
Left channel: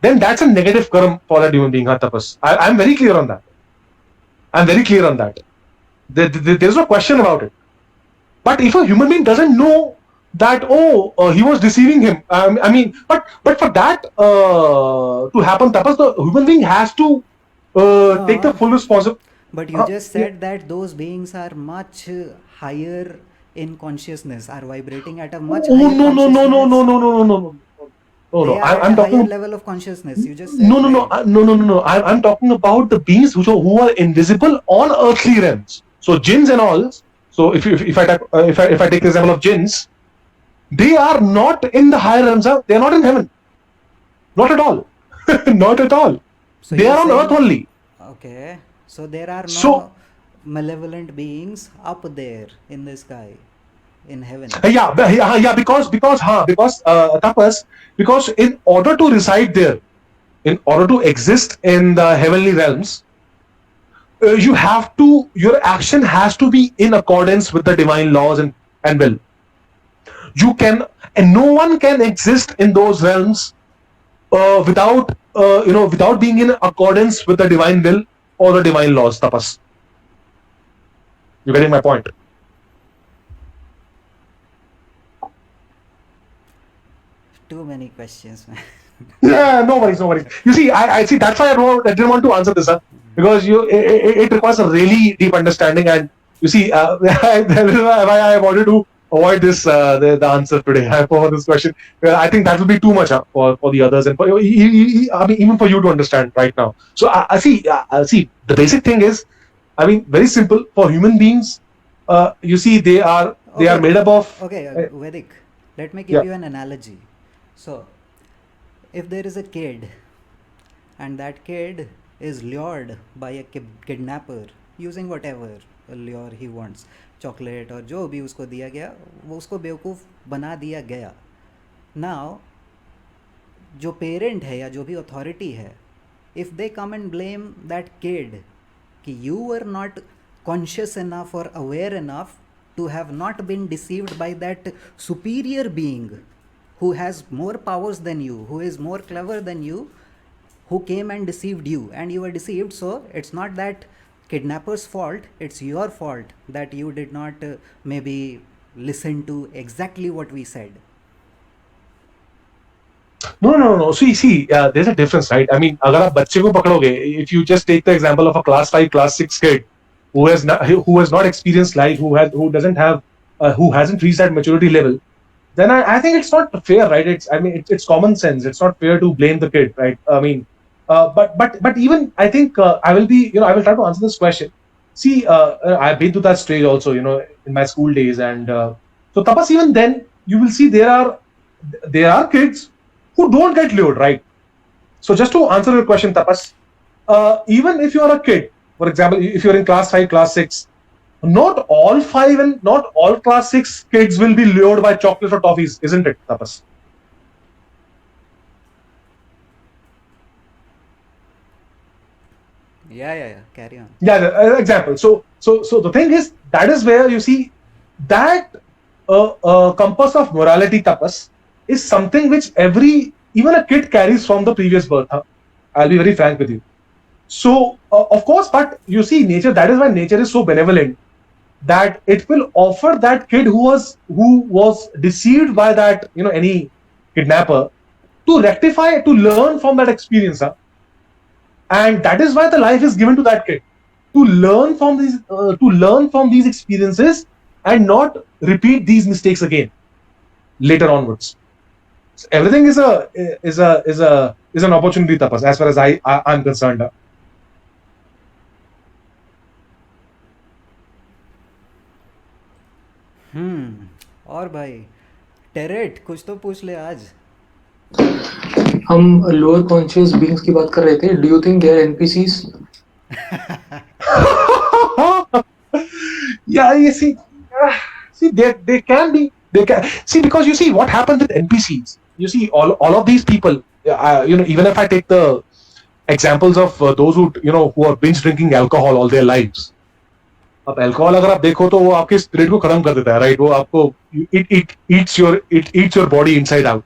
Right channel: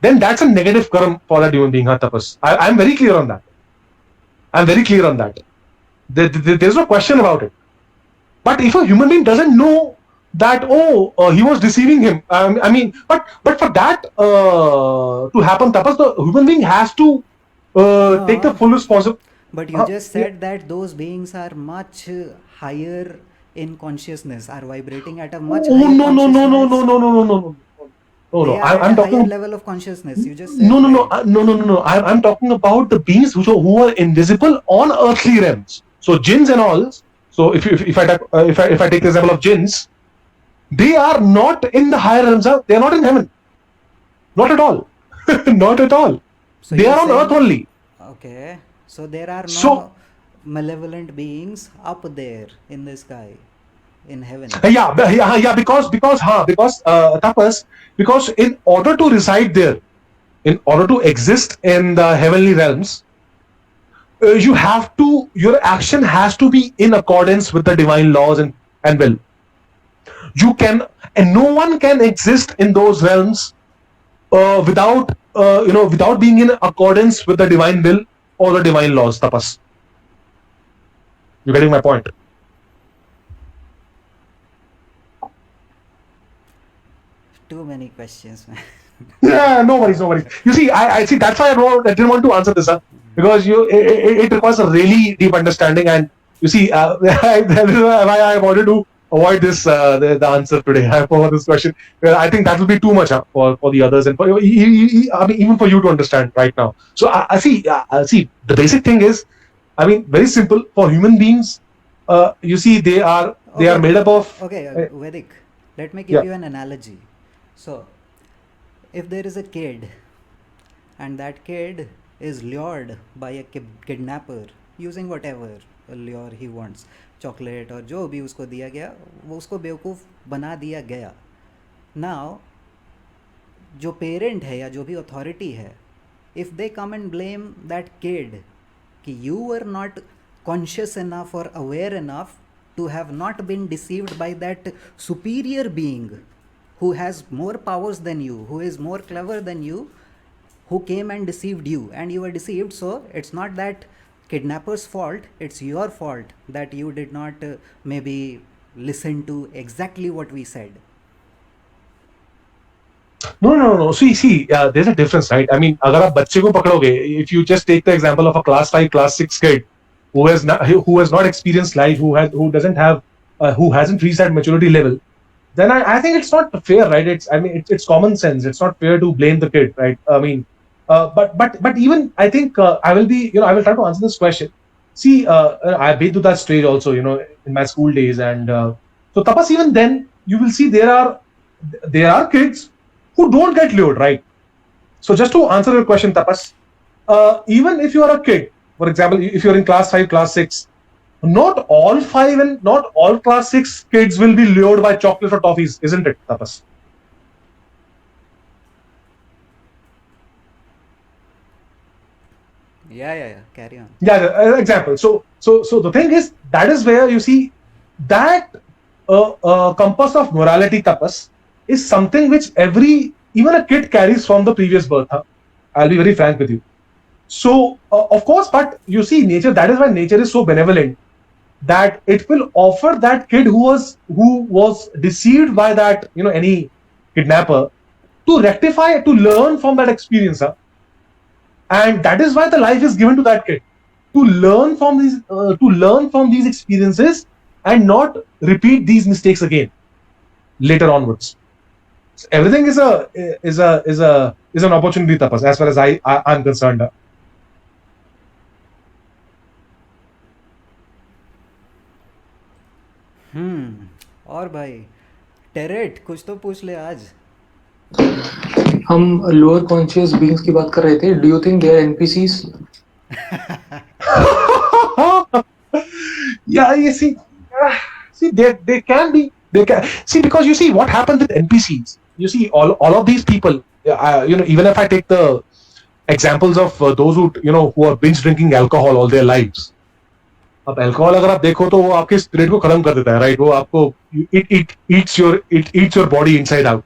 then that's a negative karma for that human being, tapas. I'm very clear on that. There's no question about it. But if a human being doesn't know that, he was deceiving him, but for that to happen, tapas, the human being has to take the full responsibility. But you just said that those beings are much higher in consciousness, are vibrating at a much higher consciousness. No. They are at a higher level of consciousness. You just said No. I'm talking about the beings who are invisible on earthly realms. So jinns and all. So if I take the example of jinns, they are not in the higher realms. They are not in heaven. Not at all. Not at all. So they are on earth only. Okay. So there are no malevolent beings up there in the sky, in heaven. Because tapas, because in order to reside there, in order to exist in the heavenly realms, your action has to be in accordance with the divine laws and will. And no one can exist in those realms without being in accordance with the divine will or the divine laws, tapas. You getting my point? Too many questions, man. Yeah, no worries. You see, I see. That's why I didn't want to answer this, because it requires a really deep understanding, and you see, that is why I wanted to avoid this the answer today for this question. Well, I think that will be too much for the others and for I mean even for you to understand right now. So I see the basic thing is, I mean, very simple for human beings. You see, they are Okay, made up of. okay, Vedic. Let me give Yeah. you an analogy. So, if there is a kid and that kid is lured by a kidnapper using whatever lure he wants, chocolate और जो भी उसको दिया गया वो उसको बेवकूफ़ बना दिया गया. Now, जो पेरेंट है या जो भी अथॉरिटी है, if they come and blame that kid कि you are not conscious enough or aware enough to have not been deceived by that superior being who has more powers than you, who is more clever than you, who came and deceived you and you were deceived. So it's not that kidnapper's fault, it's your fault that you did not maybe listen to exactly what we said. No. See, there's a difference, right? I mean, अगर आप बच्चे को पकड़ोगे, if you just take the example of a class 5, class 6 kid who has not experienced life, who doesn't have, who hasn't reached that maturity level, then I think it's not fair, right? It's common sense. It's not fair to blame the kid, right? I mean, but even I think I will try to answer this question. See, I've been to that stage also, in my school days, and so Tapas, even then you will see there are kids who don't get lured, right? So just to answer your question, Tapas, even if you are a kid, for example, if you're in class 5, class 6, not all 5 and not all class 6 kids will be lured by chocolates or toffees, isn't it, Tapas? Yeah, carry on. Yeah, example. So the thing is, that is where you see that compass of morality, Tapas, is something which even a kid carries from the previous birth. Huh? I'll be very frank with you. So of course, but you see, nature. That is why nature is so benevolent that it will offer that kid who was deceived by that any kidnapper to rectify, to learn from that experience. Huh? And that is why the life is given to that kid to learn from these experiences and not repeat these mistakes again later onwards. So everything is an opportunity, Tapas, as far as I'm concerned. और भाई टेरेट कुछ तो पूछ ले आज. हम lower conscious beings की बात कर रहे थे. Do you think they are NPCs? Yeah, you see, they can be. They can see, because you see what happens with NPCs. You see, all of these people. Even if I take the examples of those who are binge drinking alcohol all their lives. अब alcohol अगर आप देखो तो वो आपके spirit को खत्म कर देता है, राइट? वो आपको it eats your body inside out.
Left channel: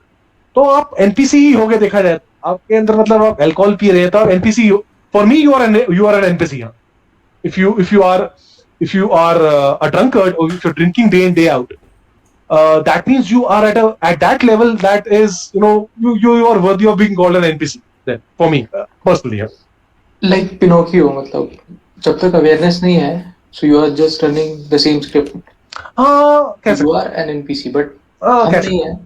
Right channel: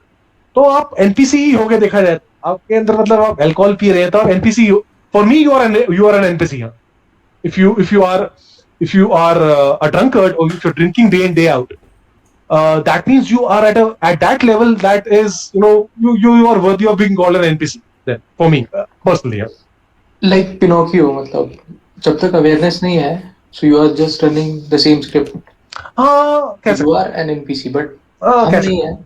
तो आप एनपीसी ही हो गए देखा जाए आपके अंदर. मतलब आप अल्कोहल पी रहे हैं तो आप एनपीसी हो. For me you are an NPC. if you are a drunkard, or if you're drinking day in day out, that means you are at that level that is you are worthy of being called an NPC. Then for me personally, yeah. Like Pinocchio, मतलब जब तक awareness नहीं है, so you are just running the same script. You are an NPC, but हम नहीं है.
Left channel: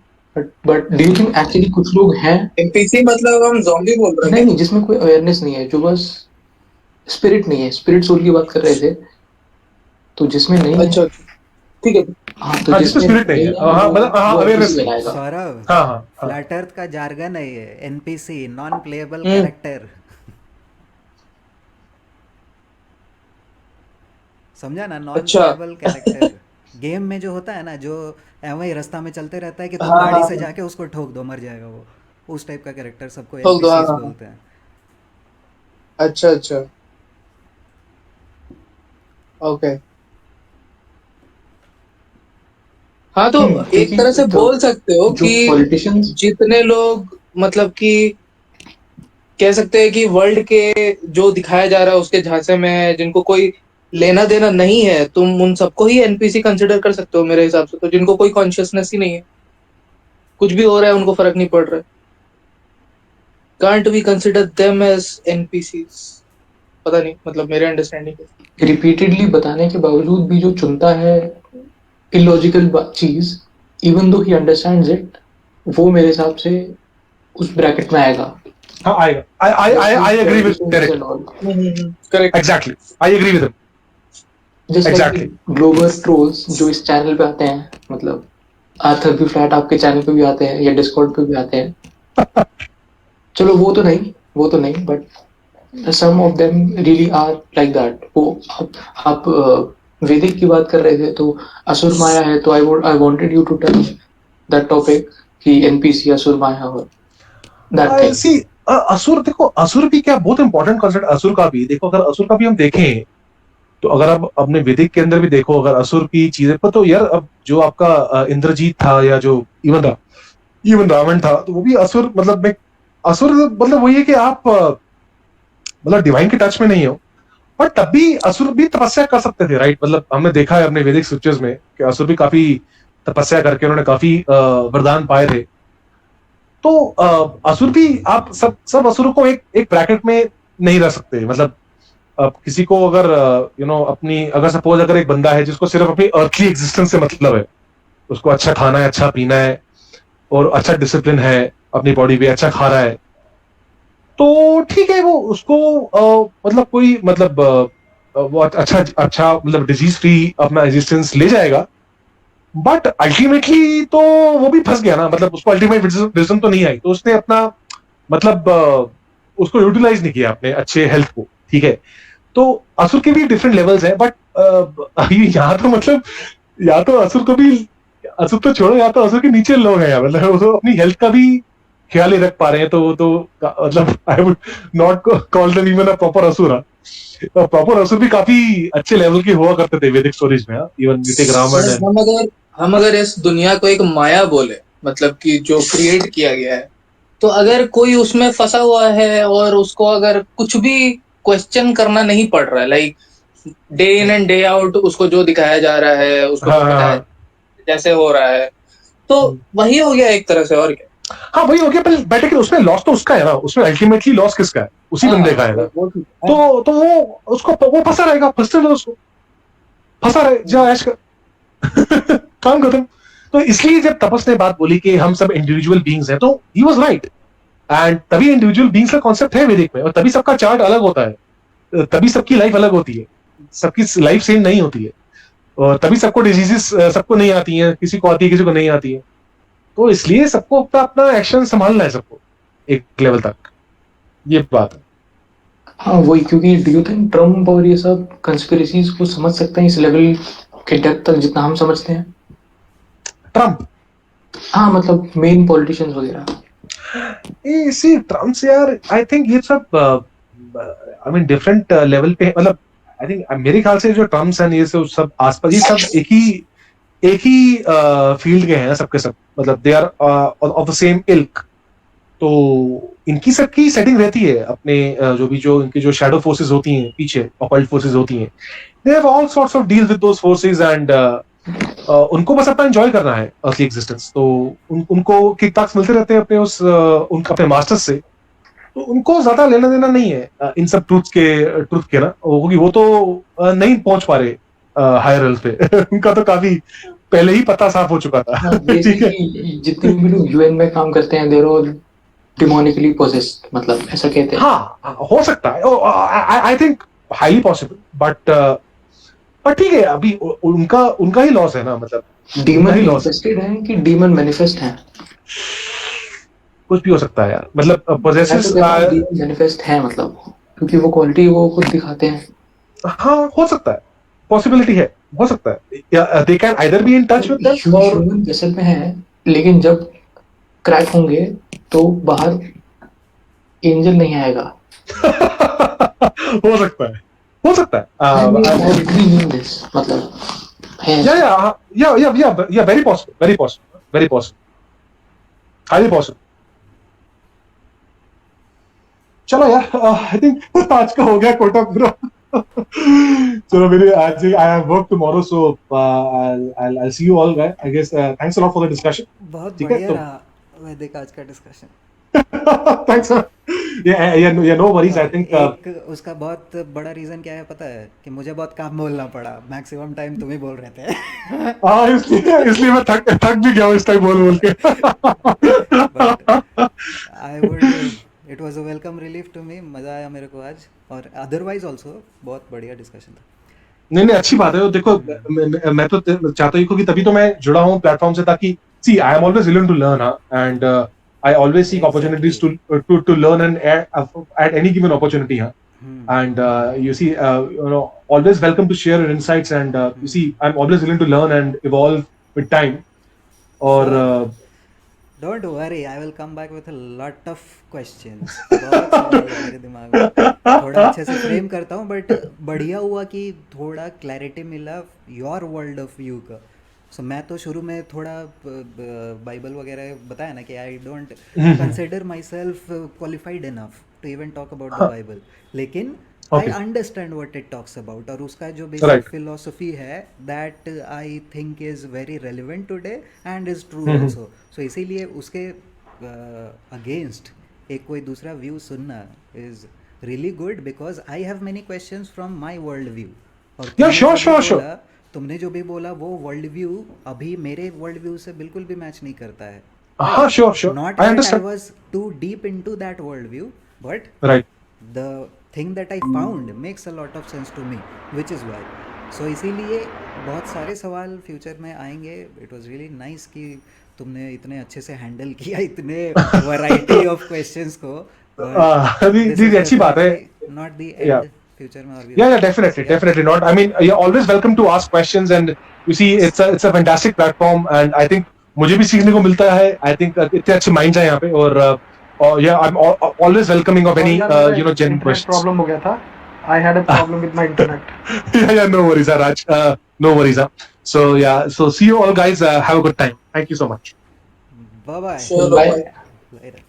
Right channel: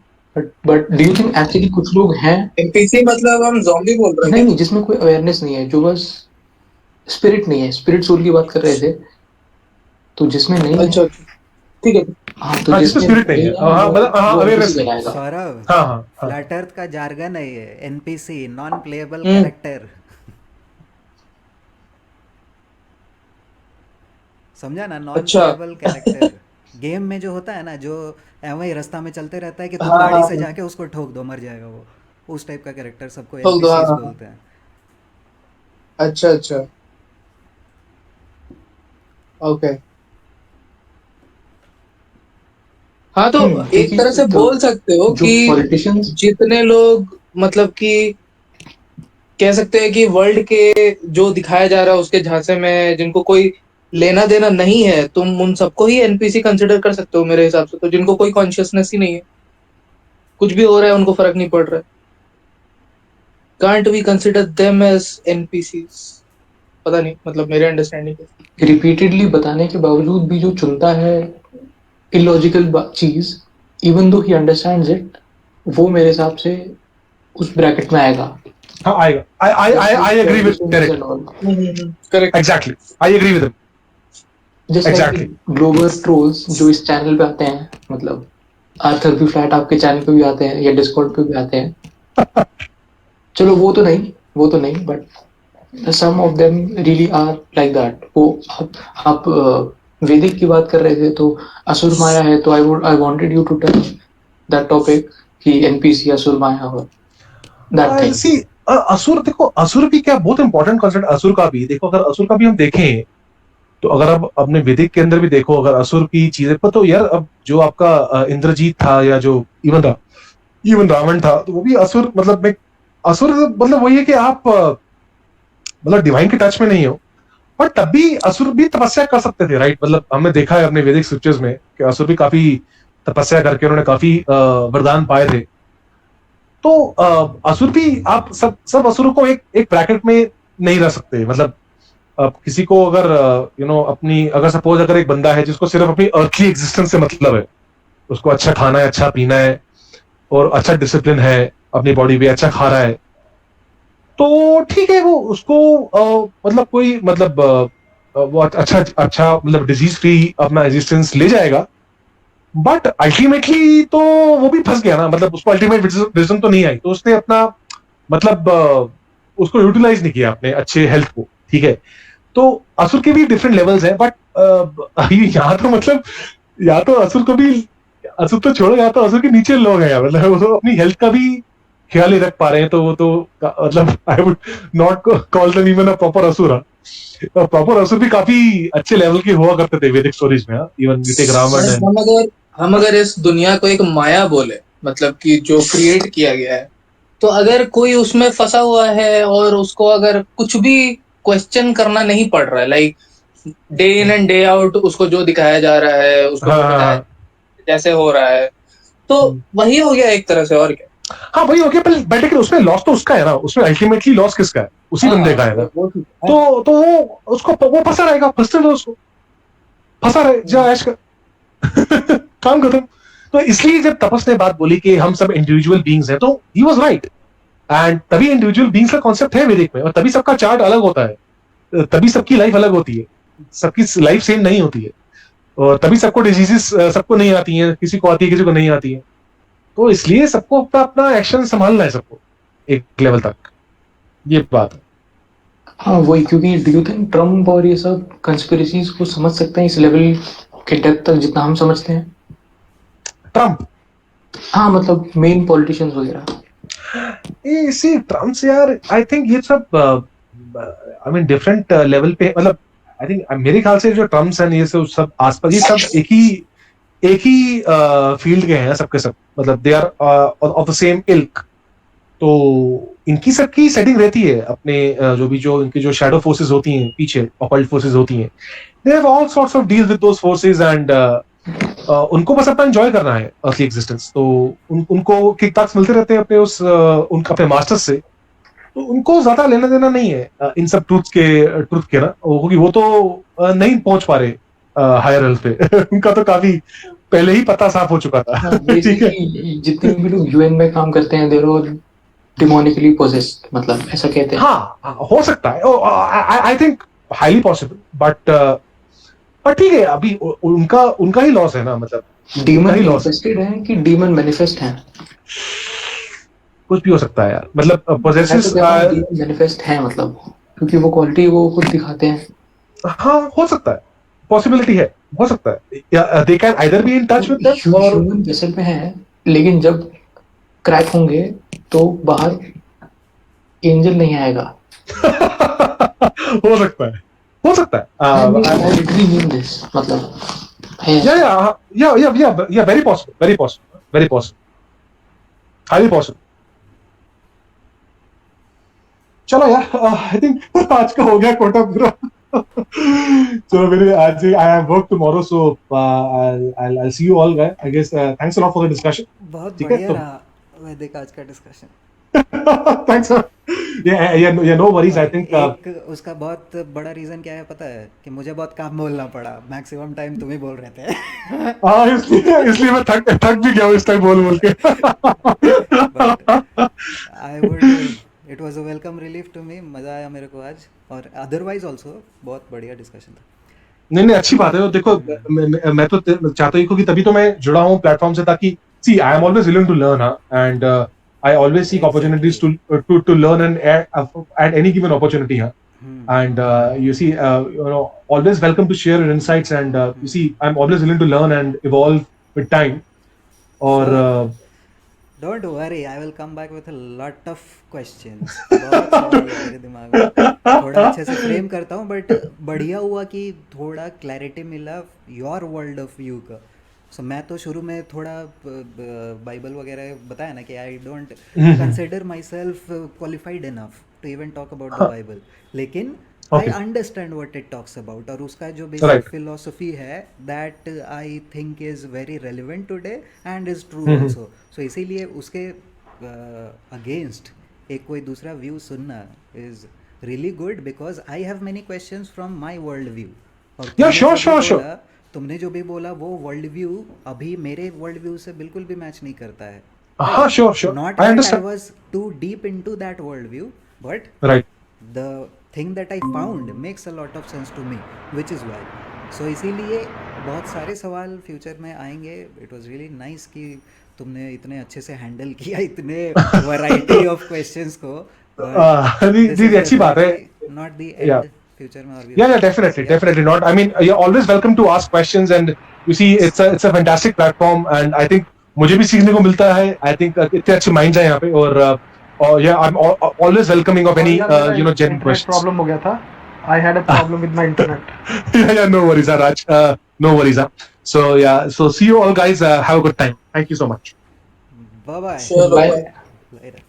But do you think actually कुछ लोग हैं NPC? मतलब हम zombie बोल रहे हैं? नहीं, जिसमें कोई अवेयरनेस नहीं है, जो बस स्पिरिट नहीं है. स्पिरिट सोल की बात कर रहे थे, तो जिसमें नहीं है. अच्छा, ठीक है. हाँ, तो जिसमें स्पिरिट नहीं है, मतलब अवेयरनेस. सौरभ, हाँ. फ्लैट अर्थ का जार्गन है ये. NPC, non playable character. समझा ना? Non playable character. गेम में जो होता है ना, जो वही रास्ता में चलते रहता है कि तुम गाड़ी से जाके उसको ठोक दो, मर जाएगा वो. उस टाइप का कैरेक्टर सबको एनपीसीज बोलते हैं. अच्छा, ओके. हाँ, तो एक तरह से बोल सकते हो कि जितने लोग मतलब कि कह सकते हैं कि वर्ल्ड के जो दिखाया जा रहा है उसके झांसे में जिनको कोई लेना देना नहीं है, तुम उन सबको ही एनपीसी कंसिडर कर सकते हो मेरे हिसाब से. तो जिनको कोई कॉन्शियसनेस ही नहीं है, कुछ भी हो रहा है उनको फर्क नहीं पड़ रहा है. Can't we consider them as NPCs? पता नहीं, मतलब मेरे अंडरस्टैंडिंग है. रिपीटेडली बताने के बावजूद भी जो चुनता है इलॉजिकल चीज, even though he understands it, वो मेरे हिसाब से उस ब्रैकेट में आएगा. हाँ आएगा. I agree with Derek. Correct. Exactly. I agree with him. Just Exactly. Global trolls जो इस चैनल पे आते हैं, मतलब आर्थर बी फ्लैट आपके चैनल पे भी आते हैं या डिस्कॉर्ड पे भी आते हैं. चलो वो तो नहीं, but some of them really are like that. वो आप वैदिक की बात कर रहे थे तो असुर माया है, तो I wanted you to touch that topic कि एनपीसी असुर माया हो दैट थिंग. See, असुर देखो, असुर भी क्या बहुत इंपॉर्टेंट कॉन्सेप्ट असुर का भी देखो. अगर असुर का भी हम देखें तो अगर आप अपने वैदिक के अंदर भी देखो, अगर असुर की चीजें पर, तो यार अब जो आपका इंद्रजीत था या जो इवन रावण था, तो वो भी असुर. मतलब असुर मतलब वही है कि आप मतलब डिवाइन के टच में नहीं हो, पर तब भी असुर भी तपस्या कर सकते थे, राइट? मतलब हमने देखा है अपने वैदिक स्क्रिप्चर्स में कि असुर भी काफी तपस्या करके उन्होंने काफी वरदान पाए थे. तो असुर भी, आप सब असुरों को एक ब्रैकेट में नहीं रह सकते. मतलब अब किसी को अगर अपनी, अगर सपोज अगर एक बंदा है जिसको सिर्फ अपनी अर्थली एग्जिस्टेंस से मतलब है, उसको अच्छा खाना है, अच्छा पीना है और अच्छा डिसिप्लिन है, अपनी बॉडी पे अच्छा खा रहा है, तो ठीक है, वो उसको मतलब कोई मतलब वो अच्छा मतलब डिजीज फ्री अपना एग्जिस्टेंस ले जाएगा. बट अल्टीमेटली तो वो भी फंस गया ना. मतलब उसको अल्टीमेट विजडम तो नहीं आई, तो उसने अपना मतलब उसको यूटिलाइज नहीं किया अपने अच्छे हेल्थ को. ठीक है, तो असुर के भी डिफरेंट लेवल्स हैं. बट यहाँ तो मतलब या तो असुर को भी, असुर तो छोड़ो, यहाँ तो असुर के नीचे लोग हैं. मतलब वो अपनी हेल्थ का भी ख्याल ही रख पा रहे हैं, तो मतलब I would not call them even a proper असुर. प्रॉपर असुर भी काफी अच्छे लेवल के हुआ करते थे वैदिक स्टोरीज में. Even you take Ravan. हम अगर इस दुनिया को एक माया बोले, मतलब कि जो क्रिएट किया गया है, तो अगर कोई उसमें फंसा हुआ है और उसको अगर कुछ भी क्वेश्चन करना नहीं पड़ रहा है, like day in and day out उसको जो दिखाया जा रहा है उसको बताया जैसे हो रहा है, तो वही हो गया एक तरह से. और क्या? हाँ वही हो गया, पर लेकिन उसमें लॉस तो उसका है ना. उसमें अल्टीमेटली लॉस किसका है? उसी बंदे का है ना. तो वो उसको वो फंसा रहेगा, फंसते रहो उसको, फंसा रहे, जा ऐश कर काम खत्म. तो इसलिए जब तपस ने बात बोली कि हम सब इंडिविजुअल बीइंग्स हैं, तो ही वाज राइट. एंड तभी इंडिविजुअल बीइंग्स का कॉन्सेप्ट है वैदिक में, और तभी सबका चार्ट अलग होता है, तभी सबकी लाइफ अलग होती है, सबकी लाइफ सेम नहीं होती है, और तभी सबको डिजीजेस सबको नहीं आती हैं, किसी को आती है किसी को नहीं आती है. तो इसलिए सबको अपना अपना एक्शन संभालना है, सबको एक लेवल तक. ये बात है. हाँ वही, क्योंकि डू यू थिंक ट्रम्प और ये सब कंस्पिरेसीज को समझ सकते हैं इस लेवल के डेप्थ तक जितना हम समझते हैं? ट्रम्प, हाँ मतलब मेन पॉलिटिशियंस वगैरह. सी ट्रम्प से यार आई थिंक ये सब आई मीन डिफरेंट लेवल पे. मतलब आई थिंक मेरे ख्याल से जो ट्रम्प्स हैं ये सब आसपास, ये सब एक ही फील्ड के हैं सबके सब. मतलब they are of the same ilk. तो इनकी सबकी सेटिंग रहती है अपने जो इनकी जो शैडो फोर्सेस होती हैं पीछे, ऑकल्ट फोर्सेस होती हैं, they have all sorts of deals with those forces. And उनको बस अपना एंजॉय करना है अर्ली एग्जिस्टेंस. तो उनको किक बैक्स मिलते रहते हैं उनके अपने मास्टर्स से. तो उनको ज्यादा लेना देना नहीं है इन सब ट्रूथ के ना, क्योंकि वो तो नहीं पहुंच पा रहे हायर एल्फ पे. उनका तो काफी पहले ही पता साफ हो चुका था. ठीक है, जितने भी लोग यूएन में काम करते हैं देर ऑल डिमोनिकली पोजेस्ड, मतलब ऐसा कहते हैं. हाँ हो सकता है, I think highly possible. But ठीक है, अभी उनका ही लॉस है ना. मतलब डीमन मैनिफेस्टेड है कि डीमन मैनिफेस्ट है? कुछ भी हो सकता है यार. मतलब पोजेसिव मैनिफेस्ट है, मतलब क्योंकि वो क्वालिटी वो खुद दिखाते हैं. हाँ हो सकता है, पॉसिबिलिटी है, हो सकता है. They can either be in touch with them और ह्यूमन वेसल में है, लेकिन जब क्रैक होंगे तो बाहर एंजल नहीं आएगा. हो सकता है, हो सकता है. मतलब या वेरी पॉसिबल, हाईली पॉसिबल. चलो यार, आई थिंक आज का हो गया कोटा पूरा. चलो मेरे आज I have work tomorrow, so I see you all guys. I guess thanks a lot for the discussion. बहुत बढ़िया रहा वैदिक आज का discussion. Thanks, sir. Yeah, no worries. I think एक उसका बहुत बड़ा रीजन क्या है पता है कि मुझे बहुत काम बोलना पड़ा, मैक्सिमम टाइम तुम ही बोल रहे थे. हाँ, इसलिए मैं थक भी गया हूँ इस टाइम बोल के. But I would it was a welcome relief to me. मजा आया मेरे को आज, और अदरवाइज ऑल्सो बहुत बढ़िया डिस्कशन था. नहीं, अच्छी बात है. देखो, मैं तो चाहता हूँ कि तभी तो मैं जुड़ा हूँ प्लेटफॉर्म से, ताकि see I am always willing to learn, and I always seek opportunities to learn and at any given opportunity, and you see, always welcome to share your insights, and you see, I'm always willing to learn and evolve with time. Or Don't worry, I will come back with a lot of questions. बहुत सवाल है मेरे दिमाग में, थोड़ा अच्छे से frame करता हूँ, बट बढ़िया हुआ कि थोड़ा क्लैरिटी मिला योर वर्ल्ड ऑफ व्यू का. सो मैं तो शुरू में थोड़ा बाइबल वगैरह बताया ना कि I don't consider myself qualified enough to even talk about the Bible, लेकिन I understand what it talks about, और उसका जो बेसिक फिलोसफी है that I think is very relevant today and is true also. So इसीलिए उसके against एक कोई दूसरा व्यू सुनना is really good, because I have many questions from my world view. और तुमने जो भी बोला वो वर्ल्ड व्यू अभी मेरे वर्ल्ड व्यू से बिल्कुल भी मैच नहीं करता है. हाँ, sure. Not that I was too deep into that world view, but the thing that I found makes a lot of sense to me, which is why. So इसीलिए बहुत सारे सवाल फ्यूचर में आएंगे. It was really nice कि तुमने इतने अच्छे से हैंडल किया इतने वैरायटी ऑफ क्वेश्चंस को. अच्छी बात है. Not the end. Future में और भी. Yeah, definitely not. I mean, you're always welcome to ask questions, and you see, it's a fantastic platform, and I think मुझे भी सीखने को मिलता है. I think इतने अच्छे minds हैं यहाँ पे, और yeah, I'm always welcoming of any genuine questions. Problem हो गया था. I had a problem with my internet. Yeah, no worries, Raj. No worries. So see you all, guys. Have a good time. Thank you so much. Bye. Sure, bye. Later.